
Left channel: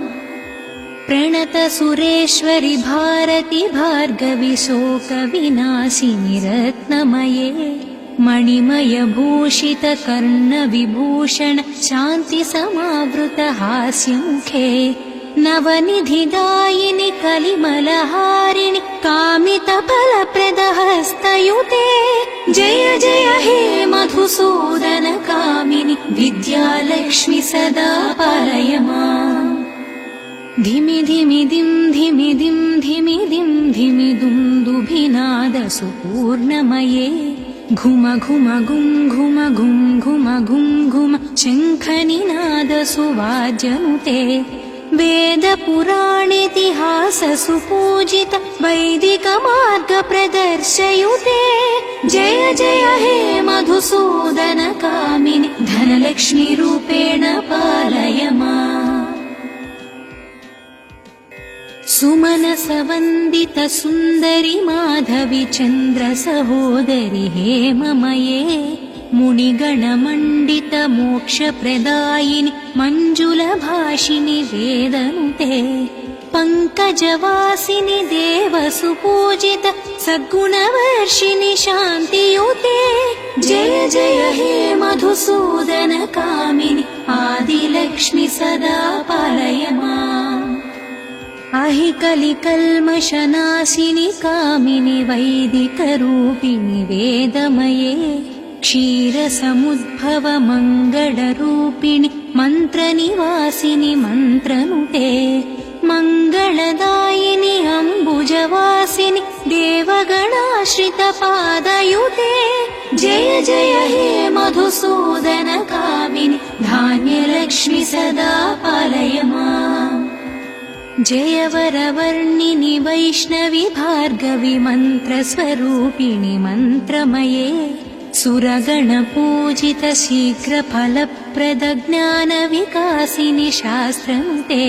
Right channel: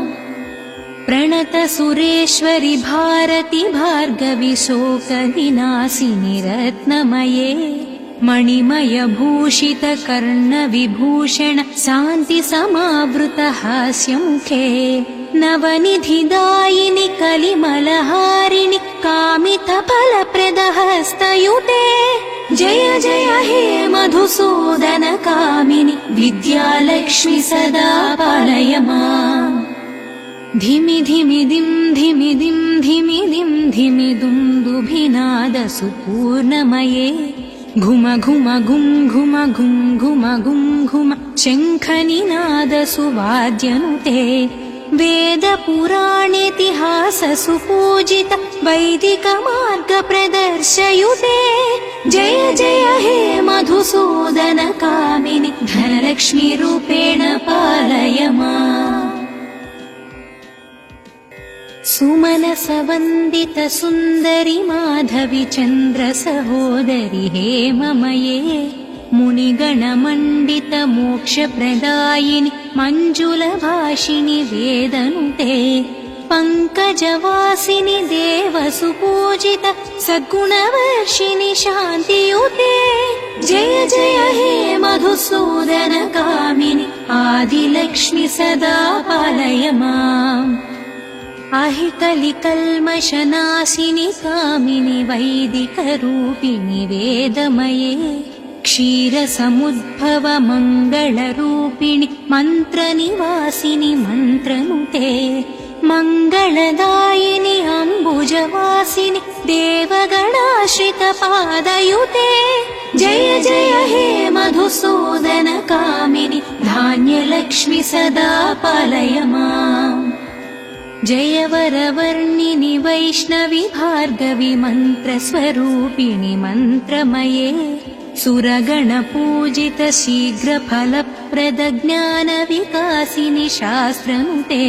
प्रणत सुरेश्वरि भारति भार्गवि शोकविनाशिनि रत्नमये मणिमय भूषित कर्णविभूषण शान्ति समावृत हास्यमुखे नवनिधिदायिनि कलिमलहारिणि कामित फलप्रद हस्तयुते जय जय हे मधुसूदन कामिनि विद्यालक्ष्मि सदा पालय माम्। धिमि धिमि दिं धिमि दिं धिमि दिं धिमि दुन्दुभिनाद सुपूर्णमये घुम घुम गुं घुम गुं घुम गुं घुम शङ्खनिनाद सुवाद्यनुते वेद पुराणेतिहास सुपूजित वैदिक मार्ग प्रदर्शयुते जय जय हे मधुसूदन कामिनि धनलक्ष्मी रूपेण पालय माम्। सुमनसवन्दित सुन्दरि माधवि चन्द्र सहोदरि हेममये मुनिगणमण्डित मोक्षप्रदायिनि मञ्जुलभाषिणि वेदनुते पङ्कजवासिनि देवसुपूजित सद्गुणवर्षिणि शान्तियुते जय जय हे मधुसूदन कामिनि आदिलक्ष्मि सदा पालय माम्। अहिकलिकल्मषनाशिनि कामिनि वैदिकरूपिणि वेदमये क्षीरसमुद्भव मङ्गलरूपिणि मन्त्रनिवासिनि मन्त्रनुते मङ्गलदायिनि अम्बुजवासिनि देवगणाश्रित पादयुते जय जय हे मधुसूदन कामिनि धान्यलक्ष्मि सदा पालय माम्। जय वरवर्णिनि वैष्णवि भार्गवि मन्त्रस्वरूपिणि मन्त्रमये सुरगणपूजित शीघ्रफलप्रद ज्ञानविकासिनि शास्त्रनुते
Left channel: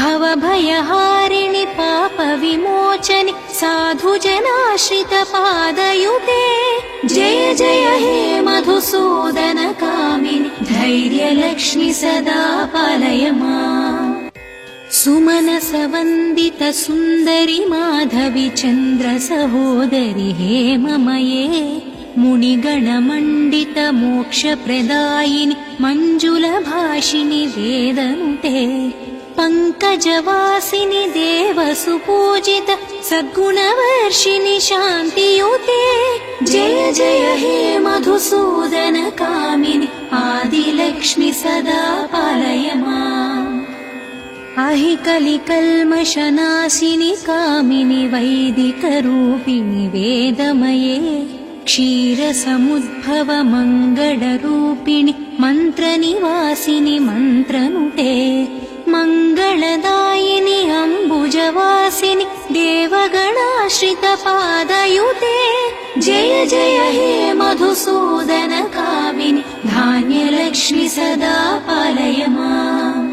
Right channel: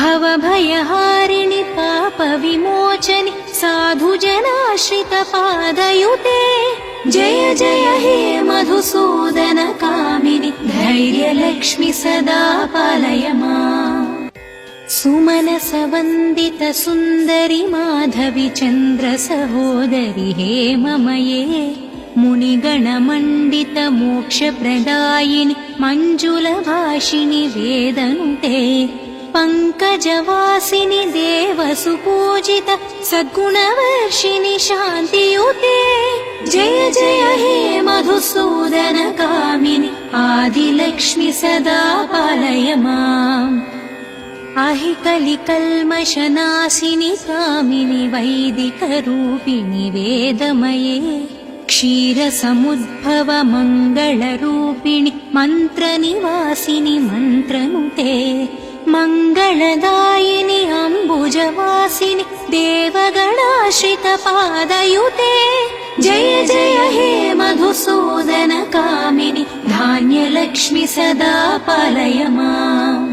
भवभयहारिणि पापविमोचनि साधुजनाश्रित पादयुते जय जय हे मधुसूदन कामिनि धैर्यलक्ष्मि सदा पालय माम्। सुमनसवन्दित सुन्दरि माधवि चन्द्र सहोदरि हेममये मुनिगणमण्डित मोक्षप्रदायिनि मञ्जुलभाषिणि वेदनुते पङ्कजवासिनि देवसुपूजित सद्गुणवर्षिणि शान्तियुते जय जय हे मधुसूदन कामिनि आदिलक्ष्मि सदा पालय माम्। अहिकलिकल्मषनाशिनि कामिनि वैदिकरूपिणि वेदमये क्षीरसमुद्भव मङ्गलरूपिणि मन्त्रनिवासिनि मन्त्रनुते मङ्गलदायिनि अम्बुजवासिनि देवगणाश्रित पादयुते जय जय हे मधुसूदन कामिनि धान्यलक्ष्मि सदा पालय माम्।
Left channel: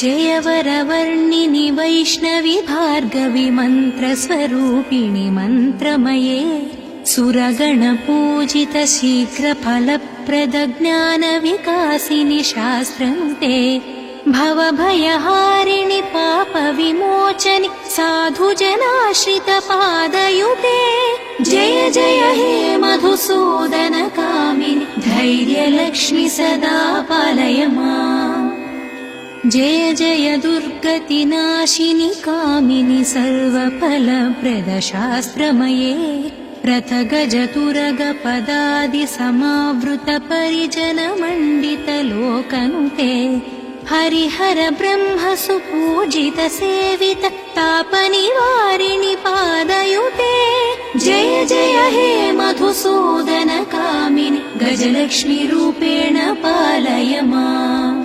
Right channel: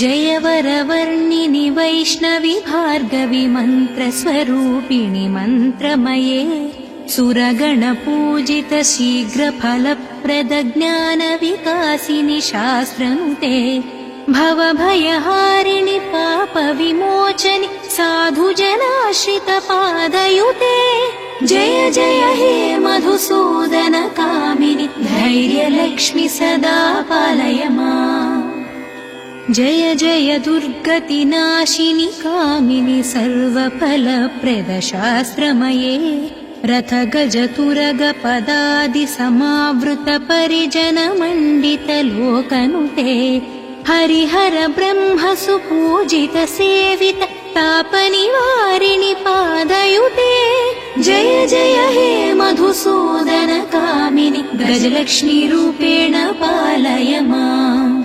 जय वरवर्णिनि वैष्णवि भार्गवि मन्त्रस्वरूपिणि मन्त्रमये सुरगणपूजित शीघ्रफलप्रद ज्ञानविकासिनि शास्त्रनुते भवभयहारिणि पापविमोचनि साधुजनाश्रित पादयुते जय जय हे मधुसूदन कामिनि धैर्यलक्ष्मि सदा पालय माम्। जय जय दुर्गतिनाशिनि कामिनि सर्वफलप्रद शास्त्रमये रथ गज तुरग पदादि समावृत परिजन मण्डित लोकनुते हरिहर ब्रह्म सुपूजित सेवित तापनिवारिणि पादयुते जय जय हे मधुसूदन कामिनि गजलक्ष्मी रूपेण पालय माम्।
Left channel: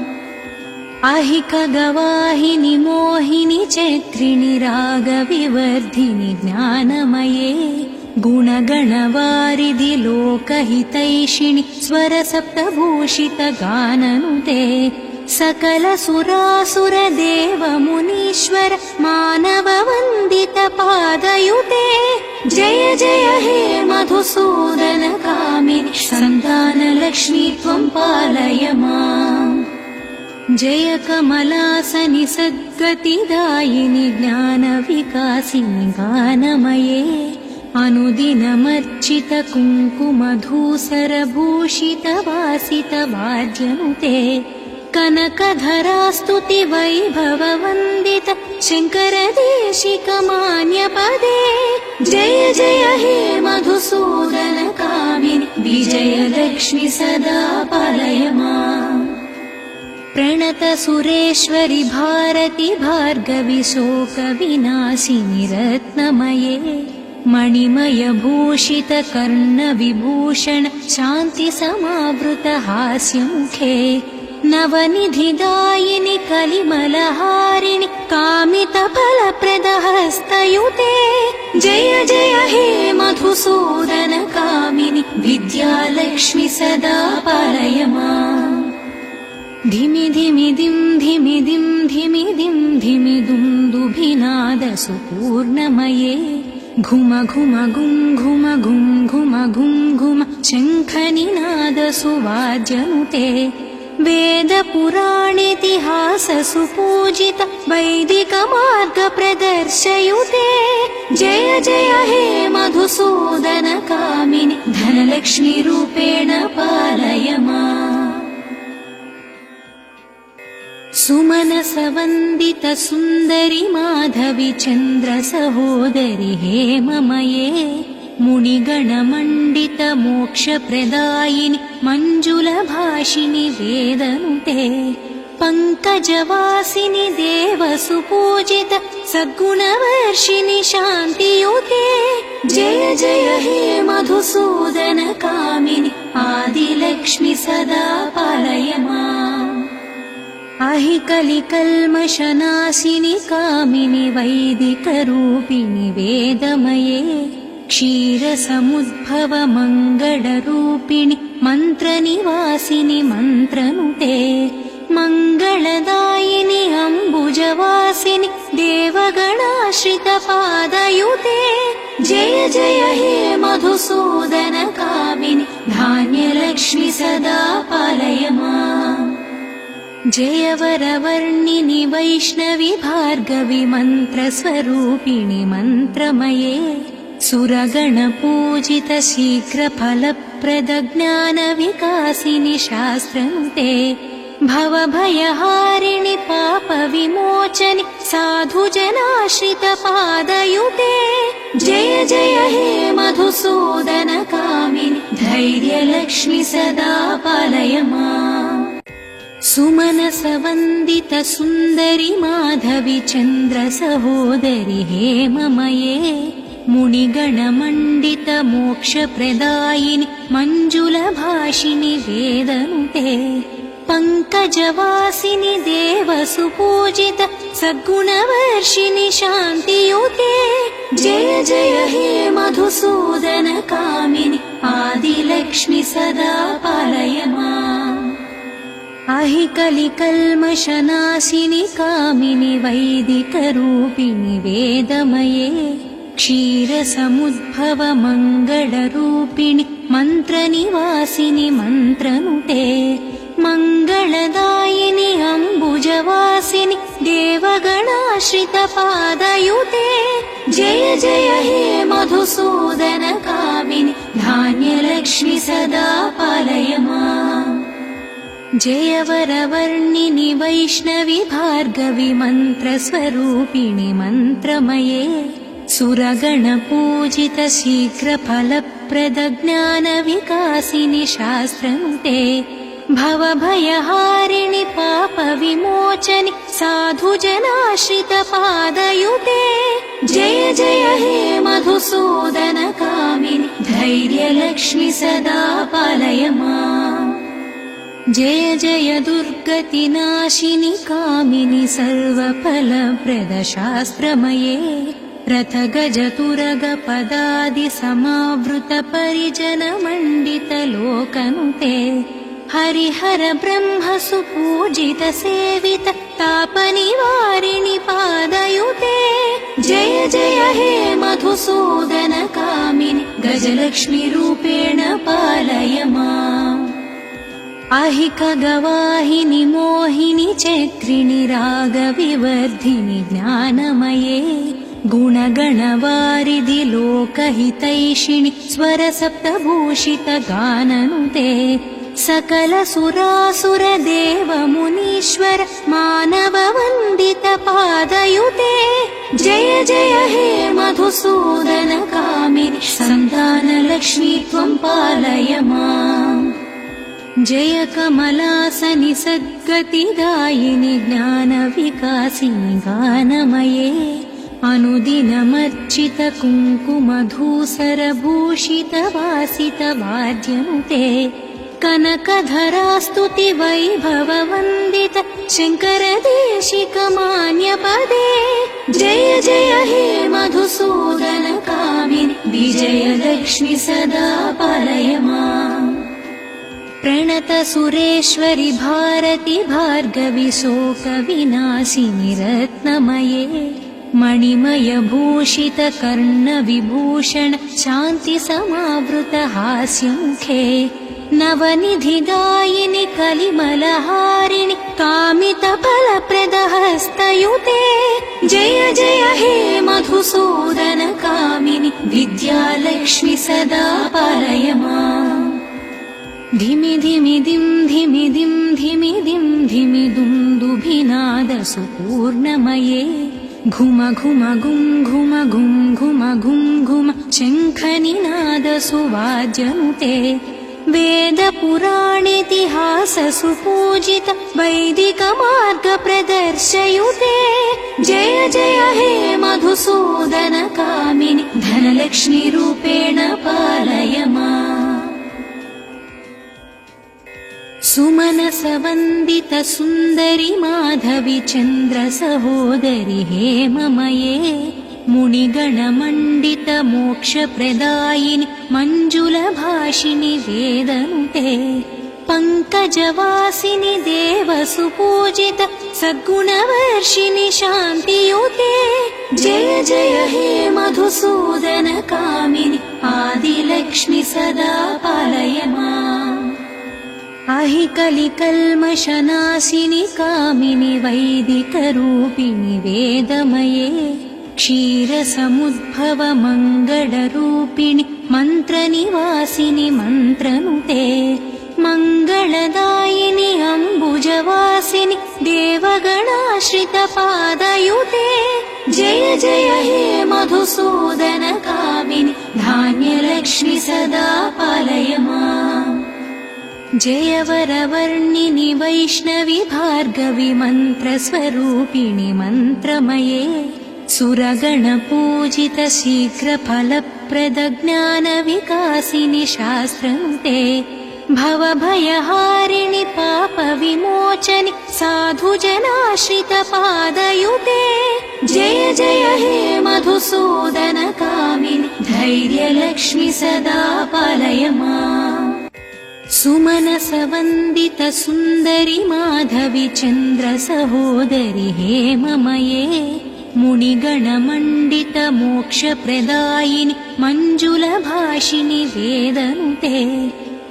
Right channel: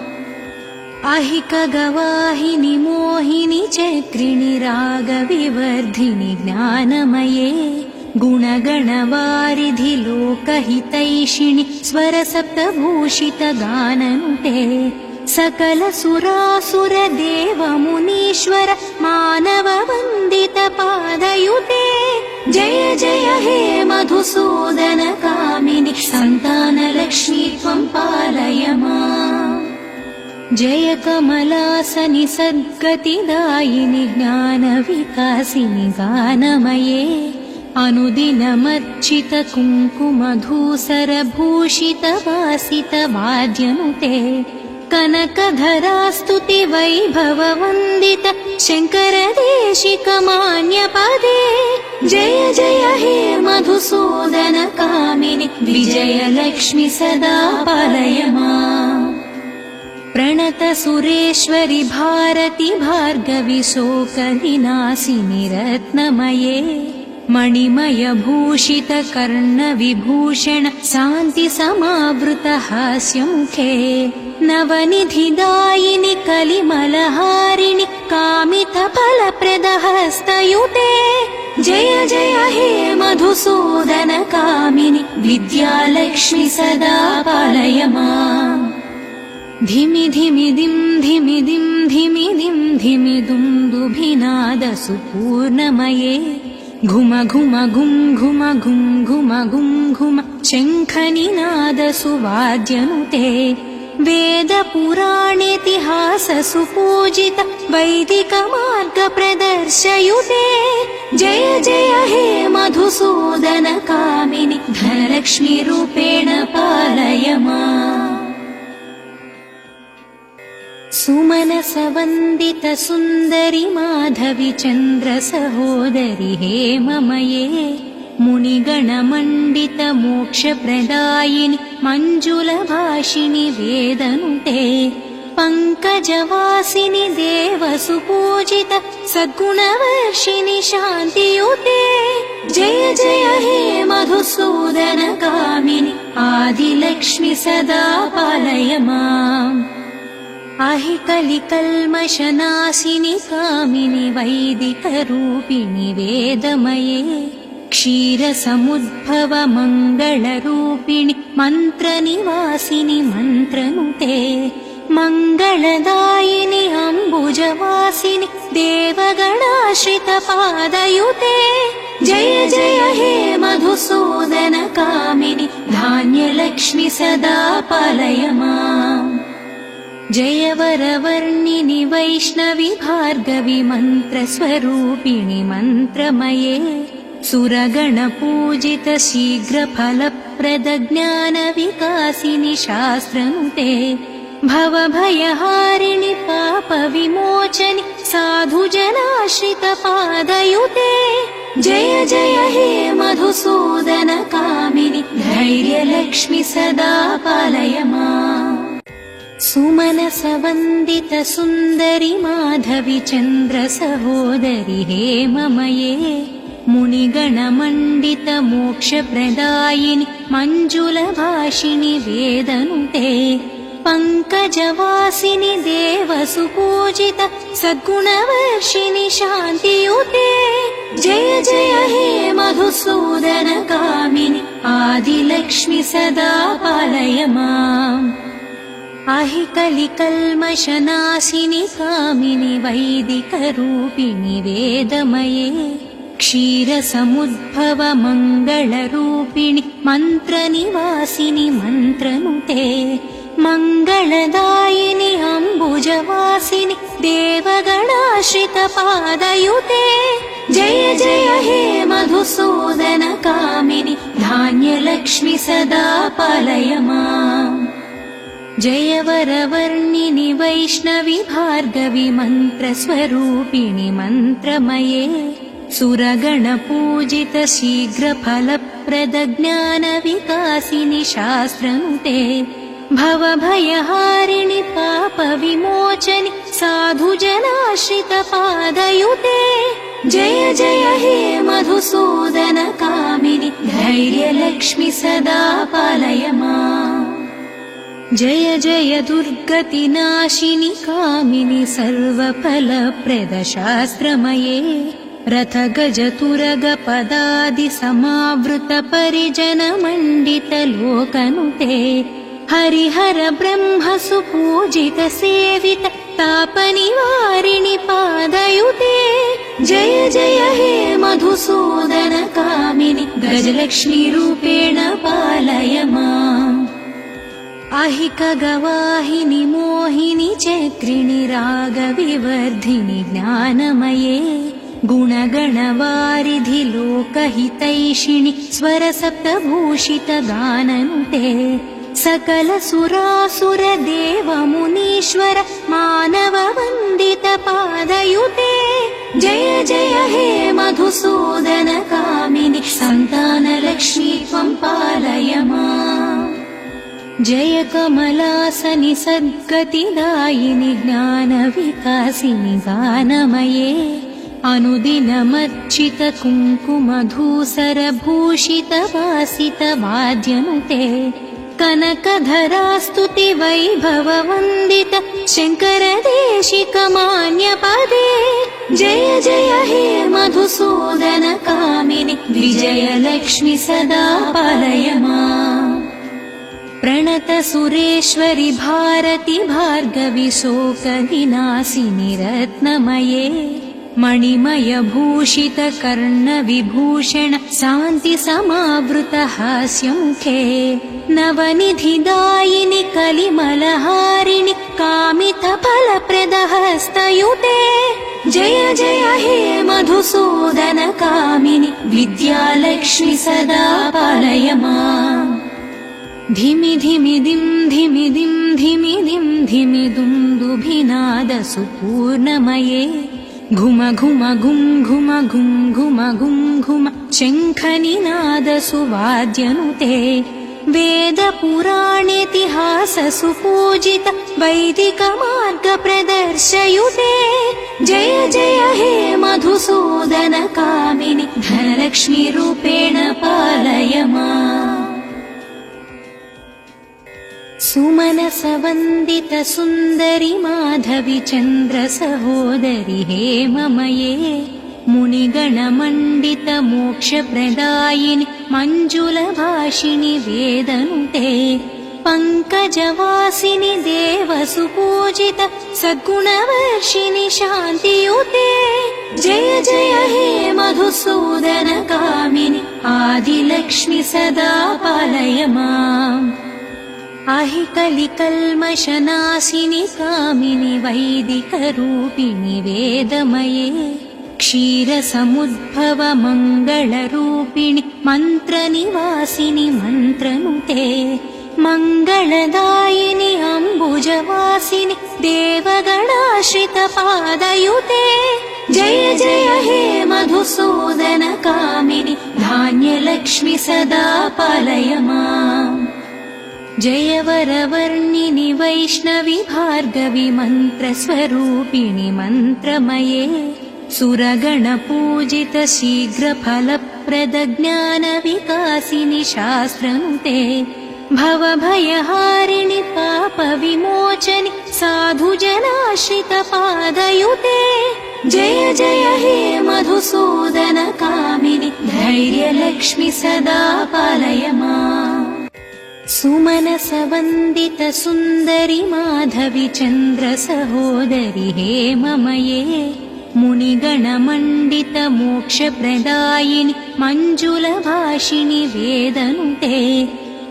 अहिकगवाहिनि मोहिनि चैत्रिणि रागविवर्धिनि ज्ञानमये गुणगणवारिधि लोकहितैषिणि स्वरसप्तभूषितगाननुते सकलसुरासुर देव मुनीश्वर मानव वन्दित पादयुते जय जय हे मधुसूदन कामिनि सन्तानलक्ष्मी त्वं पालय माम् जय कमलासनि सद्गतिदायिनि ज्ञानविकासिनि गानमये अनुदिनमर्चित कुङ्कुमधूसरभूषित वासित वाद्यनुते कनकधरास्तुति वैभव वन्दित शङ्कर देशिक मान्यपदे जय जय हे मधुसूदन कामिनि विजयलक्ष्मि सदा पालय माम् प्रणत सुरेश्वरि भारति भार्गवि शोकविनाशिनि रत्नमये मणिमय भूषित कर्णविभूषण शान्ति समावृत हास्यमुखे नवनिधिदायिनि कलिमलहारिणि कामित फलप्रद हस्तयुते जय जय हे मधुसूदन कामिनि विद्यालक्ष्मि सदा पालय माम् धिमि धिमि दिं धिमि दिं धिमि दिं धिमि दुन्दुभिनाद सुपूर्णमये घुम घुम घुं घुम घुं घुम घुं घुम शङ्खनिनाद सुवाद्यनुते वेद पुराणेतिहास सुपूजित वैदिक मार्ग प्रदर्शयुते जय जय हे मधुसूदन कामिनि धनलक्ष्मी रूपेण पालय माम् सुमनसवन्दित सुन्दरि माधवि चन्द्र सहोदरि हेममये मुनिगणमण्डित मोक्षप्रदायिनि मञ्जुलभाषिणि वेदनुते पङ्कजवासिनि देव सुपूजित सद्गुणवर्षिणि शान्तियुते जय जय हे मधुसूदन कामिनि आदिलक्ष्मि सदा पालय माम् अहिकलिकल्मषनाशिनि कामिनि वैदिकरूपिणि वेदमये क्षीरसमुद्भव मङ्गलरूपिणि मन्त्रनिवासिनि मन्त्रनुते मङ्गलदायिनि अम्बुजवासिनि देवगणाश्रित पादयुते जय जय हे मधुसूदन कामिनि धान्यलक्ष्मि सदा पालय माम् जय वरवर्णिनि वैष्णवि भार्गवि मन्त्रस्वरूपिणि मन्त्रमये सुरगणपूजित शीघ्रफलप्रद ज्ञानविकासिनि शास्त्रनुते भवभयहारिणि पापविमोचनि साधुजनाश्रित पादयुते जय जय हे मधुसूदन कामिनि धैर्यलक्ष्मि सदा पालय माम् सुमनसवन्दित सुन्दरि माधवि चन्द्र सहोदरि हेममये मुनिगणमण्डित मोक्षप्रदायिनि मञ्जुलभाषिणि वेदनुते पङ्कजवासिनि देव सुपूजित सद्गुणवर्षिणि शान्तियुते जय जय हे मधुसूदन कामिनि आदिलक्ष्मि सदा पालय माम् अहिकलिकल्मषनाशिनि कामिनि वैदिकरूपिणि वेदमये क्षीरसमुद्भव मङ्गलरूपिणि मन्त्रनिवासिनि मन्त्रनुते मङ्गलदायिनि अम्बुजवासिनि देवगणाश्रित पादयुते जय जय हे मधुसूदन कामिनि धान्यलक्ष्मि सदा पालय माम् जय वरवर्णिनि वैष्णवि भार्गवि मन्त्रस्वरूपिणि मन्त्रमये सुरगणपूजित शीघ्रफलप्रद ज्ञानविकासिनि शास्त्रनुते भवभयहारिणि पापविमोचनि साधुजनाश्रित पादयुते जय जय हे मधुसूदन कामिनि धैर्यलक्ष्मि सदा पालय माम् जय जय दुर्गतिनाशिनि कामिनि सर्वफलप्रद शास्त्रमये रथ गज तुरग पदादि समावृत परिजन मण्डित लोकनुते हरिहर ब्रह्म सुपूजित सेवित तापनिवारिणि पादयुते जय जय हे मधुसूदन कामिनि गजलक्ष्मी रूपेण पालय माम् আহিಕ ಗವಾಹಿನಿ ಮೋಹಿನಿ ಚಕ್ರಿಣಿ ರಾಗವಿವರ್ಧಿನಿ ಜ್ಞಾನಮಯೇ ಗುಣಗಣವಾರಿಧಿ ಲೋಕಹಿತೈಷಿಣಿ ಸ್ವರ ಸಪ್ತಭೂಷಿತ ಗಾನನುತೆ ಸಕಲ ಸುರಾಸುರ ದೇವ ಮುನೀಶ್ವರ ಮಾನವ ವಂದಿತ ಪಾದಯುತೆ ಜಯ ಜಯ ಹೇ ಮಧುಸೂದನ ಕಾಮಿನಿ ಸಂತಾನ ಲಕ್ಷ್ಮೀ ತ್ವಂ ಪಾಲಯ ಮಾಂ जय कमलासनि सद्गतिदायिनि ज्ञानविकासिनि गानमये अनुदिनमर्चित कुङ्कुमधूसरभूषित वासित वाद्यनुते कनकधरास्तुति वैभव वन्दित शङ्कर देशिक मान्यपदे जय जय हे मधुसूदन कामिनि विजयलक्ष्मि सदा पालय माम् प्रणत सुरेश्वरि भारति भार्गवि शोक विनाशिनि रत्नमये मणिमय भूषित कर्ण विभूषण शान्ति समावृत हास्यमुखे नवनिधिदायिनि कलिमलहारिणि कामित फलप्रद हस्तयुते जय जय हे मधुसूदन कामिनि विद्यालक्ष्मि सदा पालय माम् धिमि धिमि दिं धिमि दिं धिमि दिं धिमि दुन्दुभिनाद सुपूर्णमये घुम घुम घुं घुम घुं घुम घुं घुम शङ्खनिनाद सुवाद्यनुते वेद पुराणेतिहास सुपूजित वैदिक मार्ग प्रदर्शयुते जय जय हे मधुसूदन कामिनि धनलक्ष्मी रूपेण पालय माम् सुमनसवन्दित सुन्दरि माधवि चन्द्र सहोदरि हेममये मुनिगणमण्डित मोक्षप्रदायिनि मञ्जुलभाषिणि वेदनुते पङ्कजवासिनि देवसुपूजित सद्गुणवर्षिणि शान्तियुते जय जय हे मधुसूदन कामिनि आदिलक्ष्मि सदा पालय माम् अहिकलिकल्मषनाशिनि कामिनि वैदिकरूपिणि वेदमये क्षीरसमुद्भव मङ्गलरूपिणि मन्त्रनिवासिनि मन्त्रनुते मङ्गलदायिनि अम्बुजवासिनि देवगणाश्रित पादयुते जय जय हे मधुसूदन कामिनि धान्यलक्ष्मि सदा पालय माम् जय वरवर्णिनि वैष्णवि भार्गवि मन्त्रस्वरूपिणि मन्त्रमये सुरगणपूजित शीघ्रफलप्रद ज्ञानविकासिनि शास्त्रनुते भवभयहारिणि पापविमोचनि साधुजनाश्रित पादयुते जय जय हे मधुसूदन कामिनि धैर्यलक्ष्मि सदा पालय माम् सुमनसवन्दित सुन्दरि माधवि चन्द्र सहोदरि हेममये मुनिगणमण्डित मोक्षप्रदायिनि मञ्जुलभाषिणि वेदनुते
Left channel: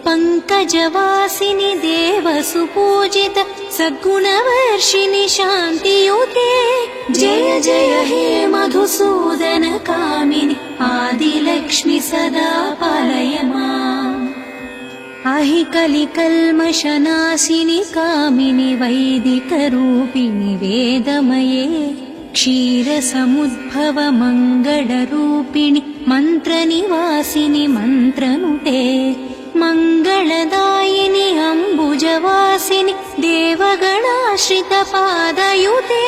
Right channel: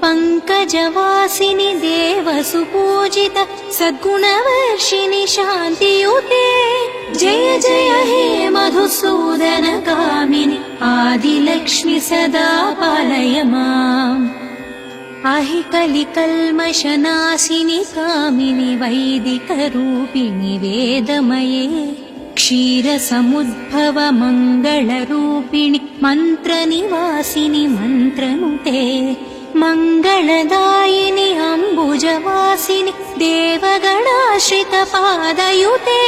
पङ्कजवासिनि देवसुपूजित सद्गुणवर्षिणि शान्तियुते जय जय हे मधुसूदन कामिनि आदिलक्ष्मि सदा पालय माम् अहिकलिकल्मषनाशिनि कामिनि वैदिकरूपिणि वेदमये क्षीरसमुद्भव मङ्गलरूपिणि मन्त्रनिवासिनि मन्त्रनुते मङ्गलदायिनि अम्बुजवासिनि देवगणाश्रित पादयुते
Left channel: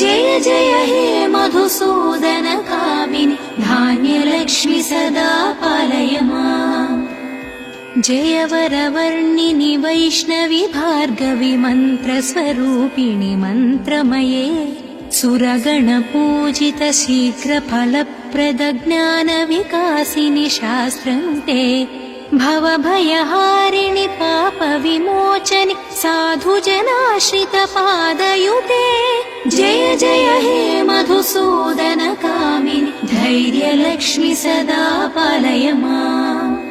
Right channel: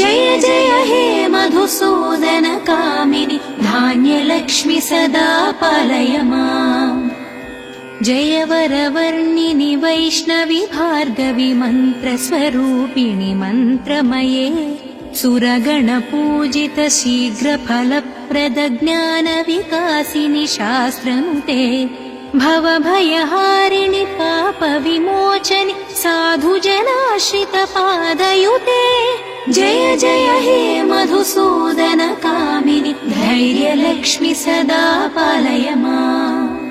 जय जय हे मधुसूदन कामिनि धान्यलक्ष्मि सदा पालय माम् जय वरवर्णिनि वैष्णवि भार्गवि मन्त्रस्वरूपिणि मन्त्रमये सुरगणपूजित शीघ्रफलप्रद ज्ञानविकासिनि शास्त्रनुते भवभयहारिणि पापविमोचनि साधुजनाश्रितपादयुते जय जय हे मधुसूदन कामिनि धैर्यलक्ष्मि सदा पालय माम्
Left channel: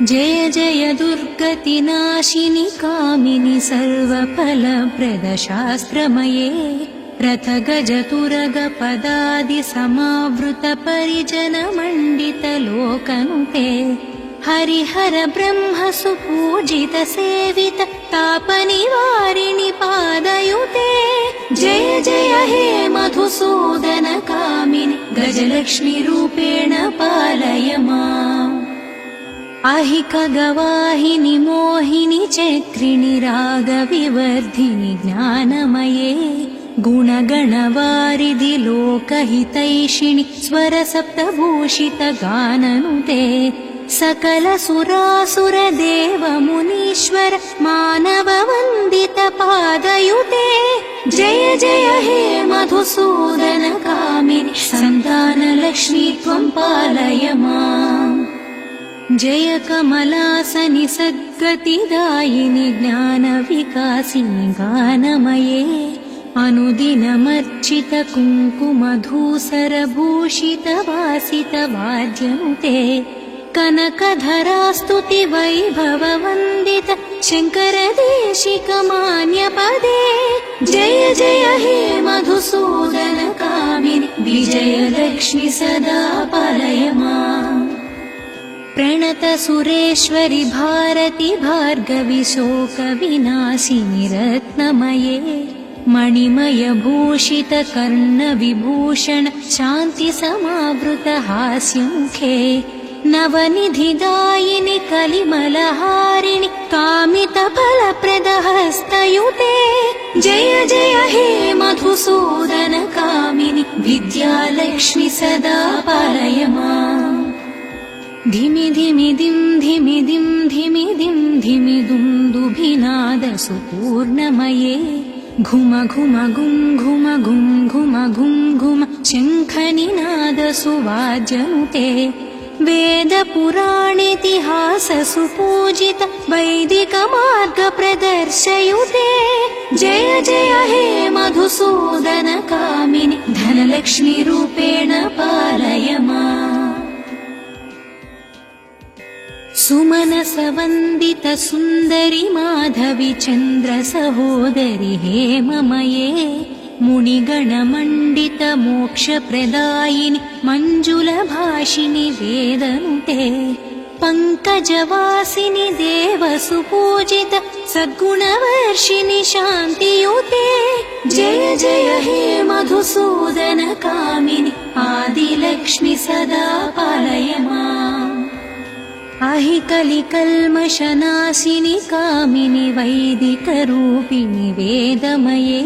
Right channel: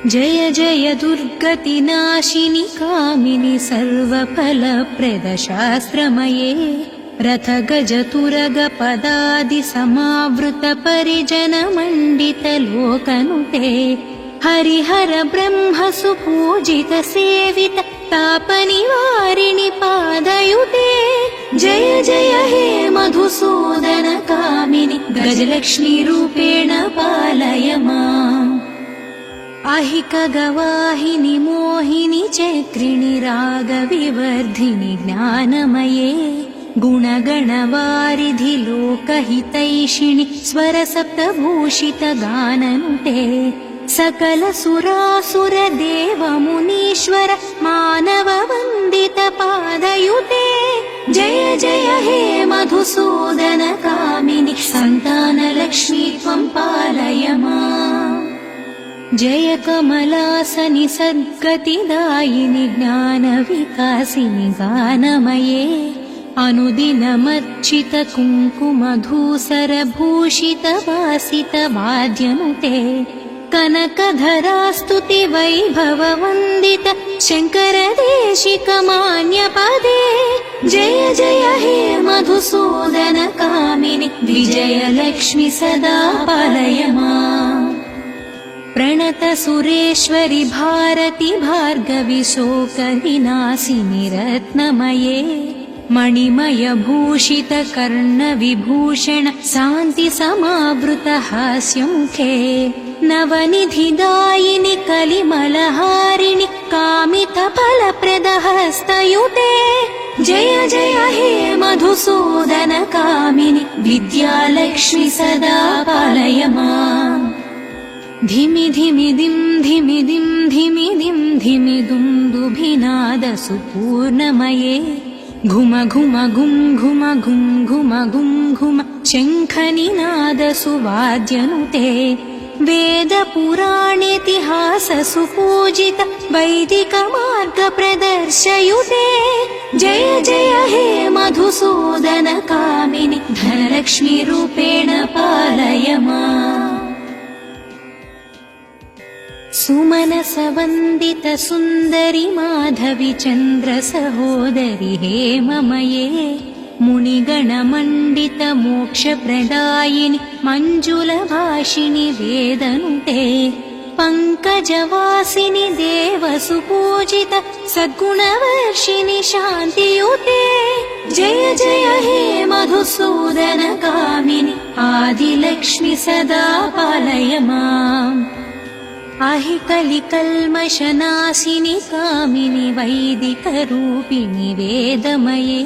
जय जय दुर्गतिनाशिनि कामिनि सर्वफलप्रद शास्त्रमये रथ गज तुरग पदादि समावृत परिजन मण्डित लोकनुते हरिहर ब्रह्म सुपूजित सेवित तापनिवारिणि पादयुते जय जय हे मधुसूदन कामिनि गजलक्ष्मी रूपेण पालय माम् अहिक गवाहिनि मोहिनि चक्रिणि रागविवर्धिनि ज्ञानमये गुणगणवारिधि लोकहितैषिणि स्वरसप्तभूषित गाननुते सकल सुरासुर देव मुनीश्वर मानव वन्दित पादयुते जय जय हे मधुसूदन कामिनि सन्तानलक्ष्मी त्वं पालय माम् जय कमलासनि सद्गतिदायिनि ज्ञानविकासिनि गानमये अनुदिनमर्चित कुङ्कुमधूसरभूषित वासित वाद्यनुते कनकधरास्तुति वैभव वन्दित शङ्करदेशिक मान्यपदे जय जय हे मधुसूदन कामिनि विजयलक्ष्मि सदा पालय माम् प्रणत सुरेश्वरि भारति भार्गवि शोकविनाशिनि रत्नमये मणिमय भूषित कर्णविभूषण शान्ति समावृत हास्यमुखे नवनिधिदायिनि कलिमलहारिणि कामित फलप्रद हस्तयुते जय जय हे मधुसूदन कामिनि विद्यालक्ष्मि सदा पालय माम् धिमि धिमि दिं धिमि दिं धिमि दिं धिमि दुन्दुभिनाद सुपूर्णमये घुम घुम घुं घुम घुं घुम घुं घुम शङ्खनिनाद सुवाद्यनुते वेद पुराणेतिहास सुपूजित वैदिक मार्ग प्रदर्शयुते जय जय हे मधुसूदन कामिनि धनलक्ष्मी रूपेण पालय माम् सुमनसवन्दित सुन्दरि माधवि चन्द्र सहोदरि हेममये मुनिगणमण्डित मोक्षप्रदायिनि मञ्जुलभाषिणि वेदनुते पङ्कजवासिनि देव सुपूजित सद्गुणवर्षिणि शान्तियुते जय जय हे मधुसूदन कामिनि आदिलक्ष्मि सदा पालय माम् अहिकलिकल्मषनाशिनि कामिनि वैदिकरूपिणि वेदमये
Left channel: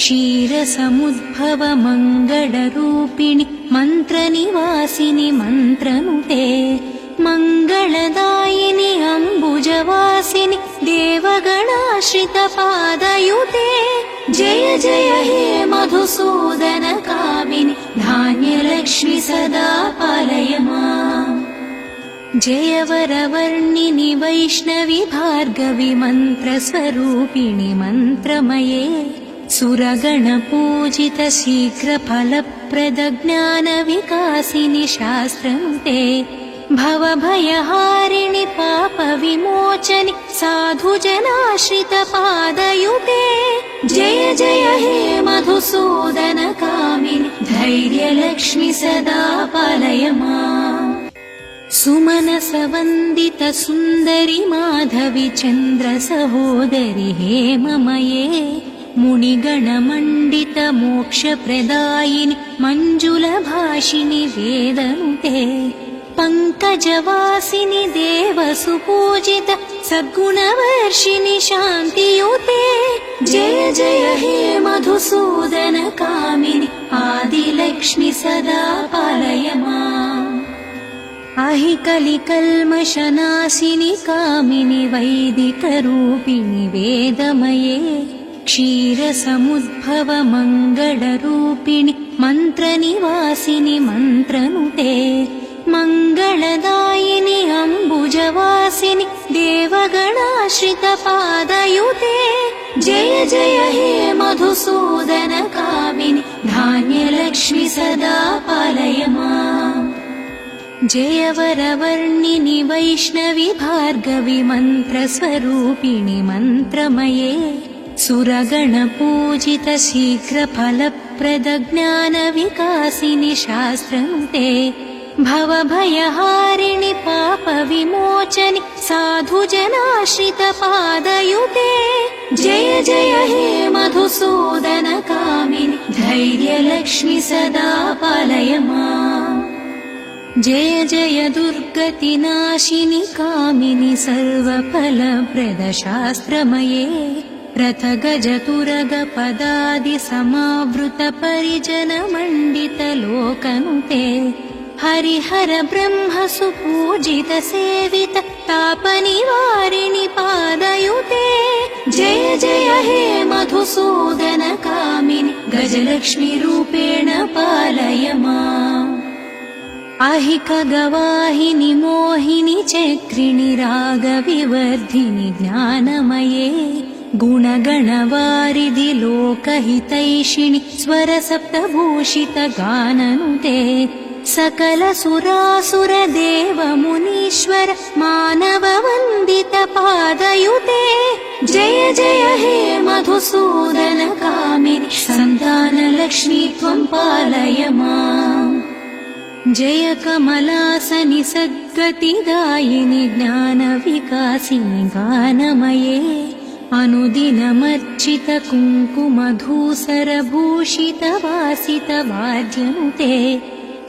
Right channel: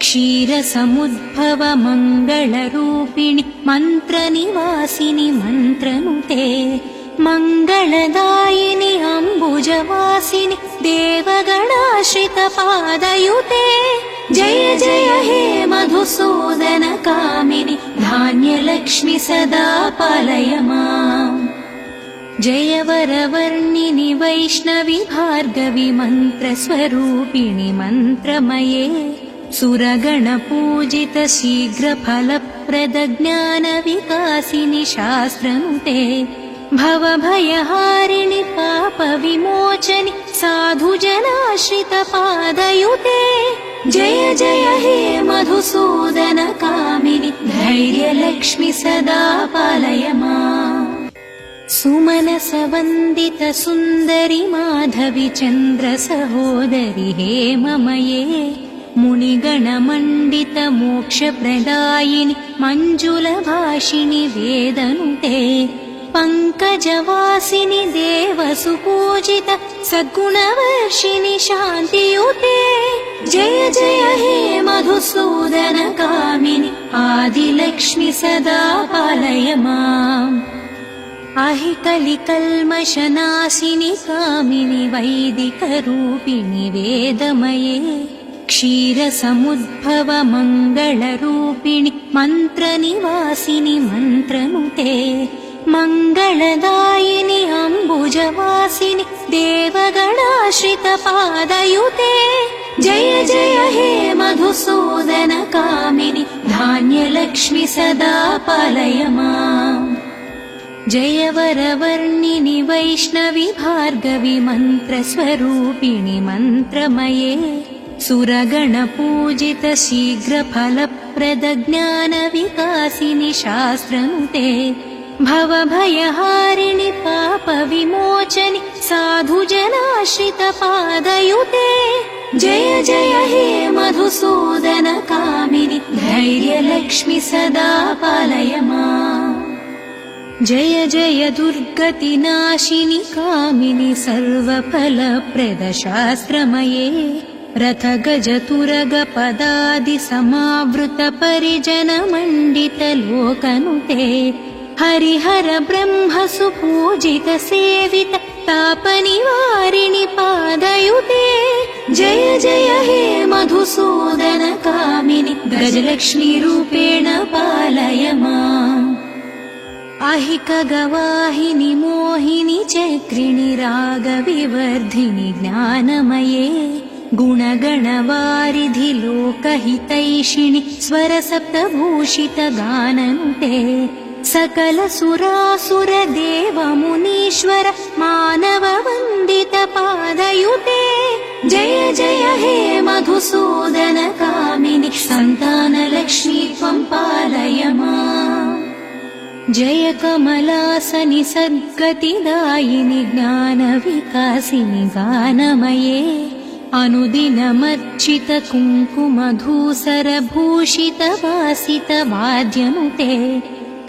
क्षीरसमुद्भव मङ्गलरूपिणि मन्त्रनिवासिनि मन्त्रनुते मङ्गलदायिनि अम्बुजवासिनि देवगणाश्रित पादयुते जय जय हे मधुसूदन कामिनि धान्यलक्ष्मि सदा पालय माम् जय वरवर्णिनि वैष्णवि भार्गवि मन्त्रस्वरूपिणि मन्त्रमये सुरगणपूजित शीघ्रफलप्रद ज्ञानविकासिनि शास्त्रनुते भवभयहारिणि पापविमोचनि साधुजनाश्रित पादयुते जय जय हे मधुसूदन कामिनि धैर्यलक्ष्मि सदा पालय माम् सुमनसवन्दित सुन्दरि माधवि चन्द्र सहोदरि हेममये मुनिगणमण्डित मोक्षप्रदायिनि मञ्जुलभाषिणि वेदनुते पङ्कजवासिनि देव सुपूजित सद्गुणवर्षिणि शान्तियुते जय जय हे मधुसूदन कामिनि आदिलक्ष्मि सदा पालय माम् अहिकलिकल्मषनाशिनि कामिनि वैदिकरूपिणि वेदमये क्षीरसमुद्भव मङ्गलरूपिणि मन्त्रनिवासिनि मन्त्रनुते मङ्गलदायिनि अम्बुजवासिनि देवगणाश्रितपादयुते जय जय हे मधुसूदन कामिनि धान्यलक्ष्मि सदा पालय माम् जय वरवर्णिनि वैष्णवि भार्गवि मन्त्रस्वरूपिणि मन्त्रमये सुरगणपूजित शीघ्रफलप्रद ज्ञानविकासिनि शास्त्रनुते भवभयहारिणि पापविमोचनि साधुजनाश्रितपादयुते जय जय हे मधुसूदन कामिनि धैर्यलक्ष्मि सदा पालय माम् जय जय दुर्गतिनाशिनि कामिनि सर्वफलप्रद शास्त्रमये रथगजतुरगपदादि समावृत परिजनमण्डित लोकनुते हरिहर ब्रह्म सुपूजित सेवित तापनिवारिणि पादयुते जय जय हे मधुसूदन कामिनि गजलक्ष्मी रूपेण पालय माम् अहिकगवाहिनि मोहिनि चक्रिणि रागविवर्धिनि ज्ञानमये गुणगणवारिधि लोकहितैषिणि स्वरसप्तभूषित गाननुते सकल सुरासुर देव मुनीश्वर मानव वन्दित पादयुते जय जय हे मधुसूदन कामिनि सन्तानलक्ष्मी त्वं पालय माम् जय कमलासनि सद्गतिदायिनि ज्ञानविकासिनि गानमये अनुदिनमर्चित कुङ्कुमधूसरभूषित वासित वाद्यनुते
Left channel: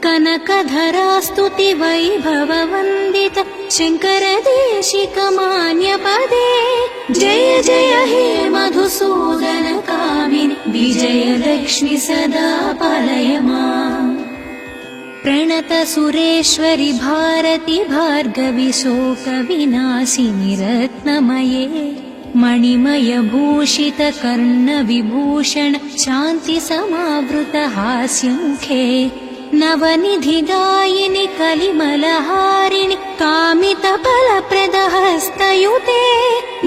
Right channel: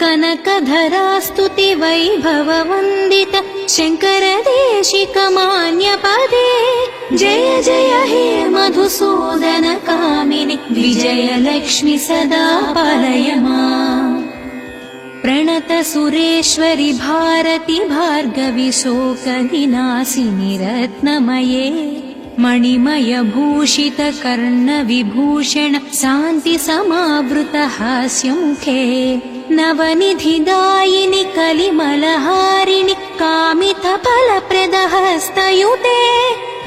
कनकधरास्तुति वैभव वन्दित शङ्करदेशिकमान्यपदे जय जय हे मधुसूदन कामिनि विजयलक्ष्मि सदा पालय माम् प्रणत सुरेश्वरि भारति भार्गवि शोकविनाशिनि रत्नमये मणिमय भूषित कर्णविभूषण शान्ति समावृत हास्यमुखे नवनिधिदायिनि कलिमलहारिणि कामित फलप्रद हस्तयुते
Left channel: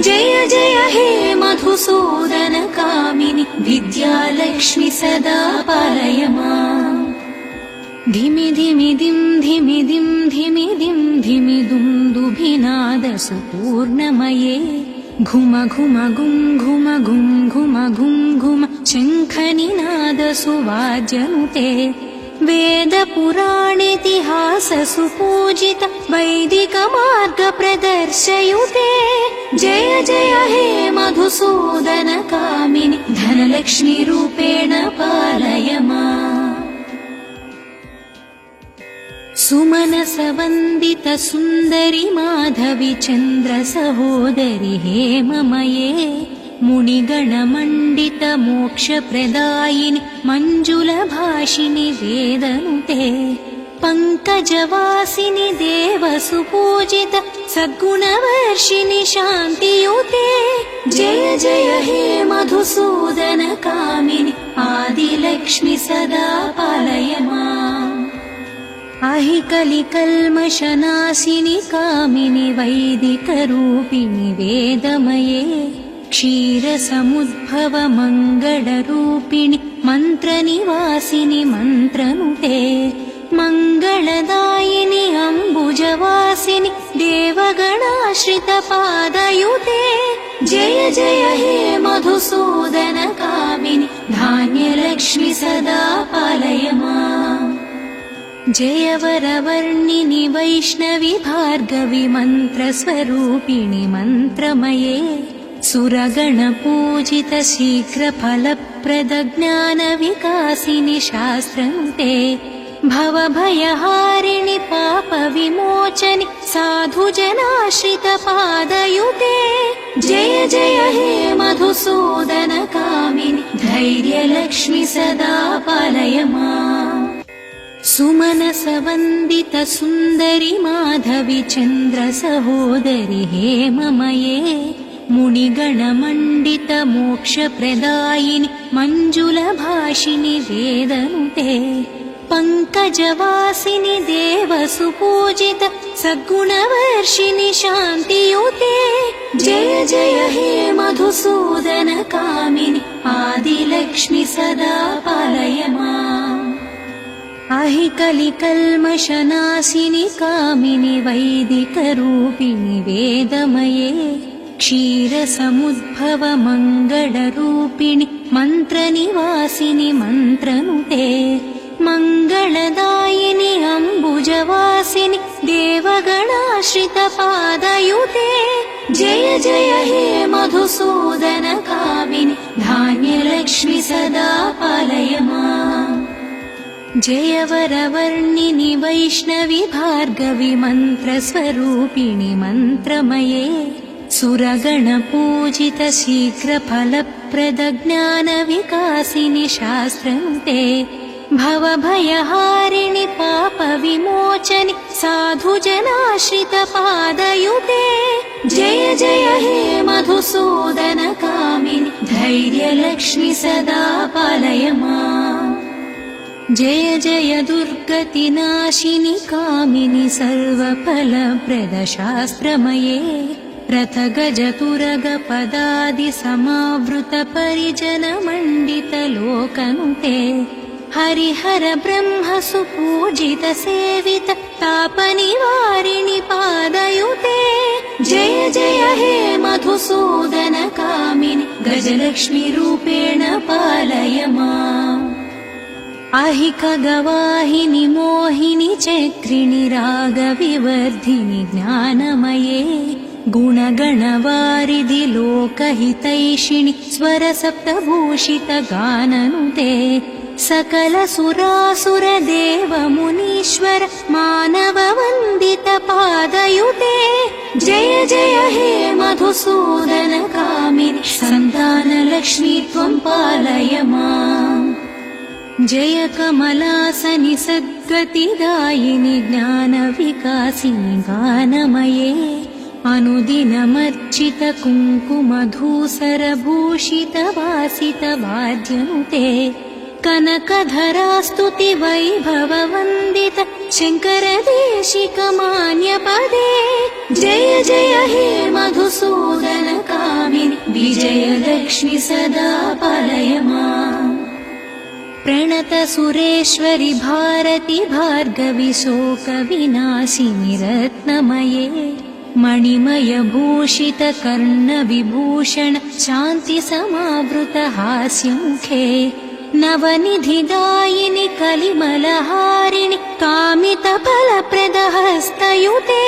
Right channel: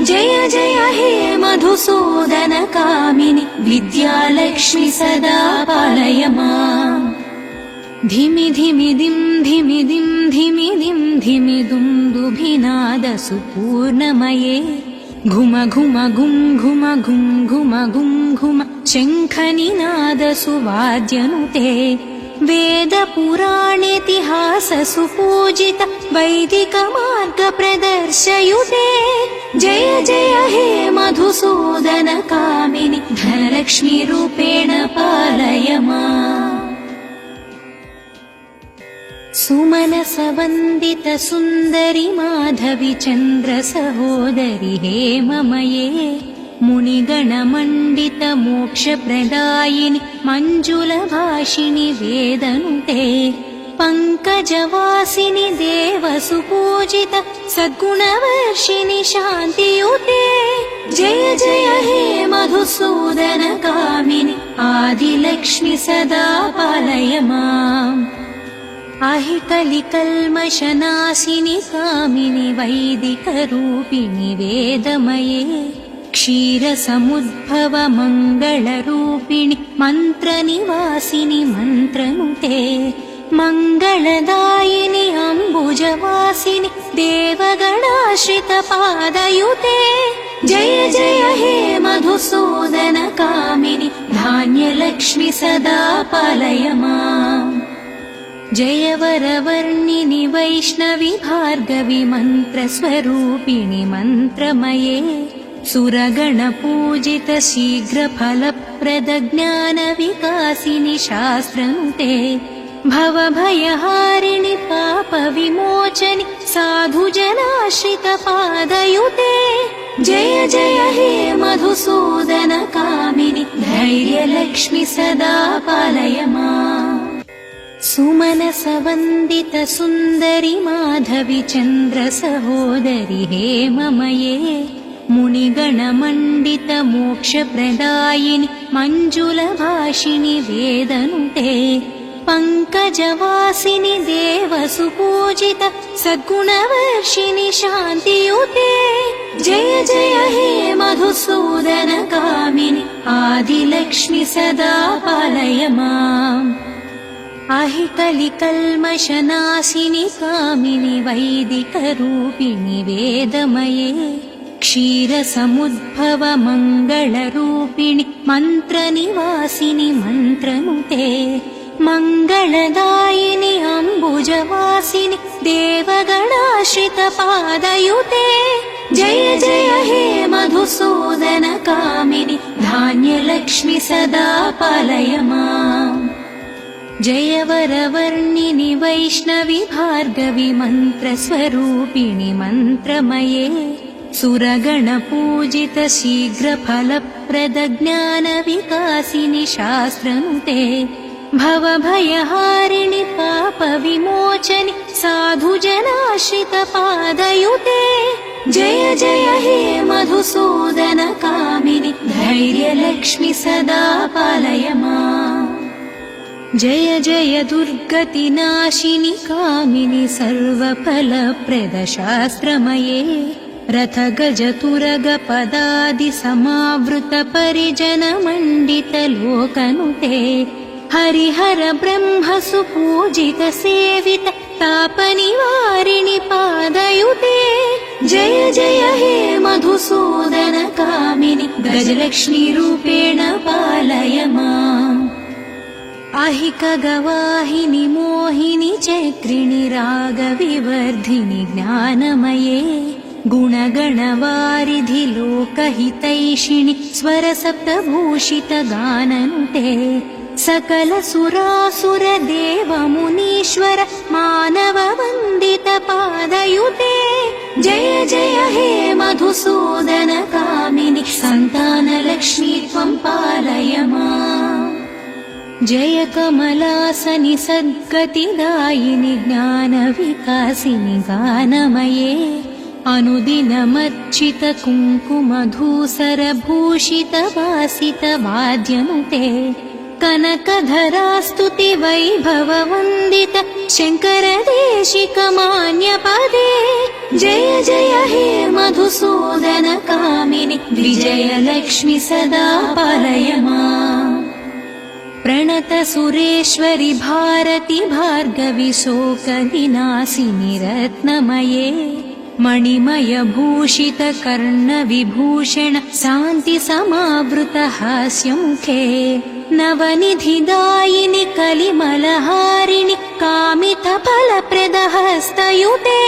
जय जय हे मधुसूदन कामिनि विद्यालक्ष्मि सदा पालय माम् धिमि धिमि दिं धिमि दिं धिमि दिं धिमि दुन्दुभिनाद सुपूर्णमये घुम घुम गुं घुम गुं घुम गुं घुम शङ्खनिनाद सुवाद्यनुते वेद पुराणेतिहास सुपूजित वैदिक मार्ग प्रदर्शयुते जय जय हे मधुसूदन कामिनि धनलक्ष्मी रूपेण पालय माम् सुमनसवन्दित सुन्दरि माधवि चन्द्र सहोदरि हेममये मुनिगणमण्डित मोक्षप्रदायिनि मञ्जुलभाषिणि वेदनुते पङ्कजवासिनि देव सुपूजित सद्गुणवर्षिणि शान्तियुते जय जय हे मधुसूदन कामिनि आदिलक्ष्मि सदा पालय माम् अहिकलिकल्मषनाशिनि कामिनि वैदिकरूपिणि वेदमये क्षीरसमुद्भव मङ्गलरूपिणि मन्त्रनिवासिनि मन्त्रनुते मङ्गलदायिनि अम्बुजवासिनि देवगणाश्रितपादयुते जय जय हे मधुसूदन कामिनि धान्यलक्ष्मि सदा पालय माम् जय वरवर्णिनि वैष्णवि भार्गवि मन्त्रस्वरूपिणि मन्त्रमये सुरगणपूजित शीघ्रफलप्रद ज्ञानविकासिनि शास्त्रनुते भवभयहारिणि पापविमोचनि साधुजनाश्रितपादयुते जय जय हे मधुसूदन कामिनि धैर्यलक्ष्मि सदा पालय माम् सुमनसवन्दित सुन्दरि माधवि चन्द्र सहोदरि हेममये मुनिगणमण्डित मोक्षप्रदायिनि मञ्जुलभाषिणि वेदनुते पङ्कजवासिनि देवसुपूजित सद्गुणवर्षिणि शान्तियुते जय जय हे मधुसूदन कामिनि आदिलक्ष्मि सदा पालय माम् अहिकलिकल्मषनाशिनि कामिनि वैदिकरूपिणि वेदमये क्षीरसमुद्भव मङ्गलरूपिणि मन्त्रनिवासिनि मन्त्रनुते मङ्गलदायिनि अम्बुजवासिनि देवगणाश्रित पादयुते जय जय हे मधुसूदन कामिनि धान्यलक्ष्मि सदा पालय माम् जय वरवर्णिनि वैष्णवि भार्गवि मन्त्रस्वरूपिणि मन्त्रमये सुरगणपूजित शीघ्रफलप्रद ज्ञानविकासिनि शास्त्रनुते भवभयहारिणि पापविमोचनि साधुजनाश्रित पादयुते जय जय हे मधुसूदन कामिनि धैर्यलक्ष्मि सदा पालय माम् जय जय दुर्गतिनाशिनि कामिनि सर्वफलप्रद शास्त्रमये रथगजतुरग पदादि समावृत परिजन मण्डित लोकनुते हरिहर ब्रह्म सुपूजित सेवित तापनिवारिणि पादयुते जय जय हे मधुसूदन कामिनि गजलक्ष्मी रूपेण पालय माम् अहिकगवाहिनि मोहिनि चक्रिणि रागविवर्धिनि ज्ञानमये गुणगणवारिधि लोकहितैषिणि स्वरसप्तभूषित गाननुते सकल सुरासुर देव मुनीश्वर मानव वन्दित पादयुते जय जय हे मधुसूदन कामिनि सन्तानलक्ष्मी त्वं पालय माम् जय कमलासनि सद्गतिदायिनि ज्ञानविकासिनि गानमये अनुदिनमर्चित कुङ्कुमधूसरभूषित वासित वाद्यनुते कनकधरास्तुति वैभव वन्दित शङ्कर देशिक मान्यपदे जय जय हे मधुसूदन कामिनि विजयलक्ष्मि सदा पालय माम् प्रणत सुरेश्वरि भारति भार्गवि शोकविनाशिनि रत्नमये मणिमय भूषित कर्णविभूषण शान्ति समावृत हास्यमुखे नवनिधिदायिनि कलिमलहारिणि कामित फलप्रद हस्तयुते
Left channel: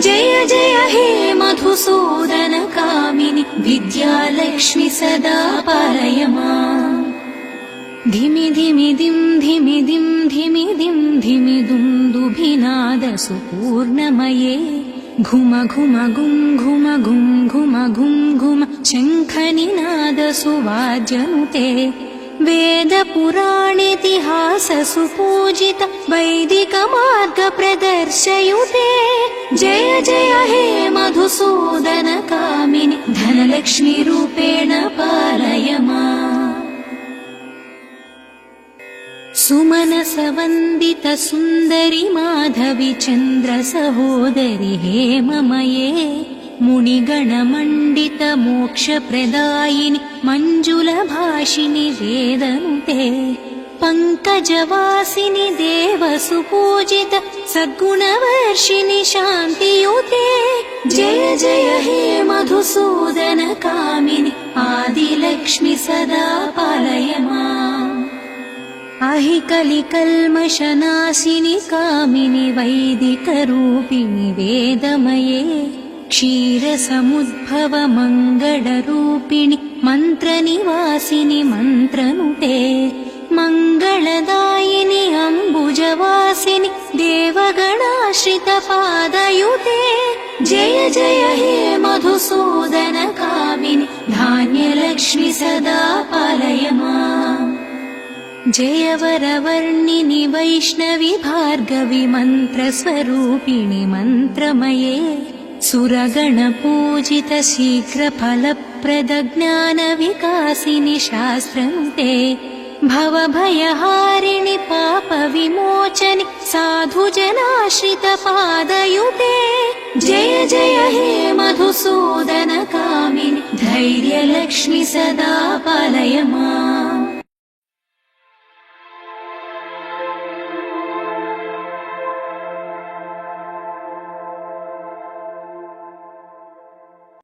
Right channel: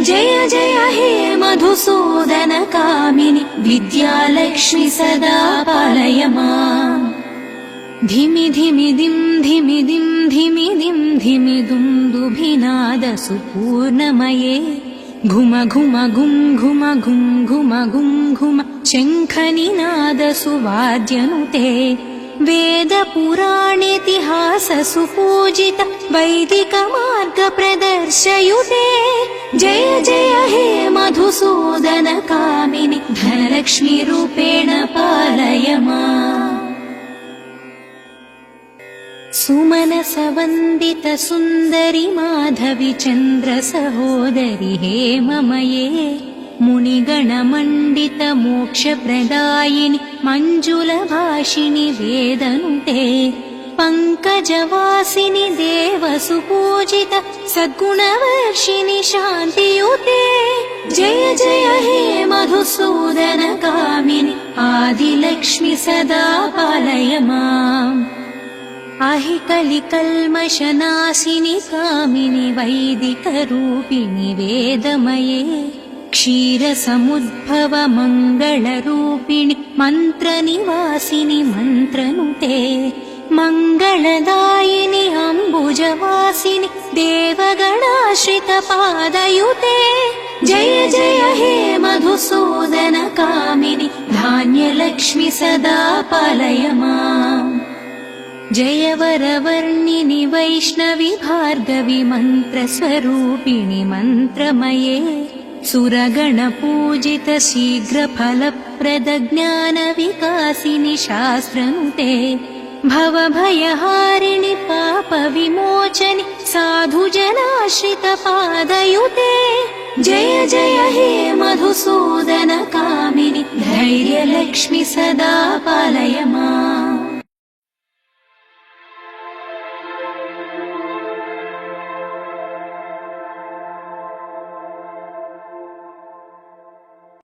जय जय हे मधुसूदन कामिनि विद्यालक्ष्मि सदा पालय माम् धिमि धिमि दिं धिमि दिं धिमि दिं धिमि दुन्दुभिनाद सुपूर्णमये घुम घुम गुं घुम गुं घुम गुं घुम शङ्खनिनाद सुवाद्यनुते वेद पुराणेतिहास सुपूजित वैदिक मार्ग प्रदर्शयुते जय जय हे मधुसूदन कामिनि धनलक्ष्मी रूपेण पालय माम् सुमनसवन्दित सुन्दरि माधवि चन्द्र सहोदरि हेममये मुनिगणमण्डित मोक्षप्रदायिनि मञ्जुलभाषिणि वेदनुते पङ्कजवासिनि देवसुपूजित सद्गुणवर्षिणि शान्तियुते जय जय हे मधुसूदन कामिनि आदिलक्ष्मि सदा पालय माम् अहिकलिकल्मषनाशिनि कामिनि वैदिकरूपिणि वेदमये क्षीरसमुद्भव मङ्गलरूपिणि मन्त्रनिवासिनि मन्त्रनुते मङ्गलदायिनि अम्बुजवासिनि देवगणाश्रित पादयुते जय जय हे मधुसूदन कामिनि धान्यलक्ष्मि सदा पालय माम् जय वरवर्णिनि वैष्णवि भार्गवि मन्त्रस्वरूपिणि मन्त्रमये सुरगणपूजित शीघ्रफलप्रद ज्ञानविकासिनि शास्त्रनुते भवभयहारिणि पापविमोचनि साधुजनाश्रितपादयुते जय जय हे मधुसूदन कामिनि धैर्यलक्ष्मि सदा पालय माम्।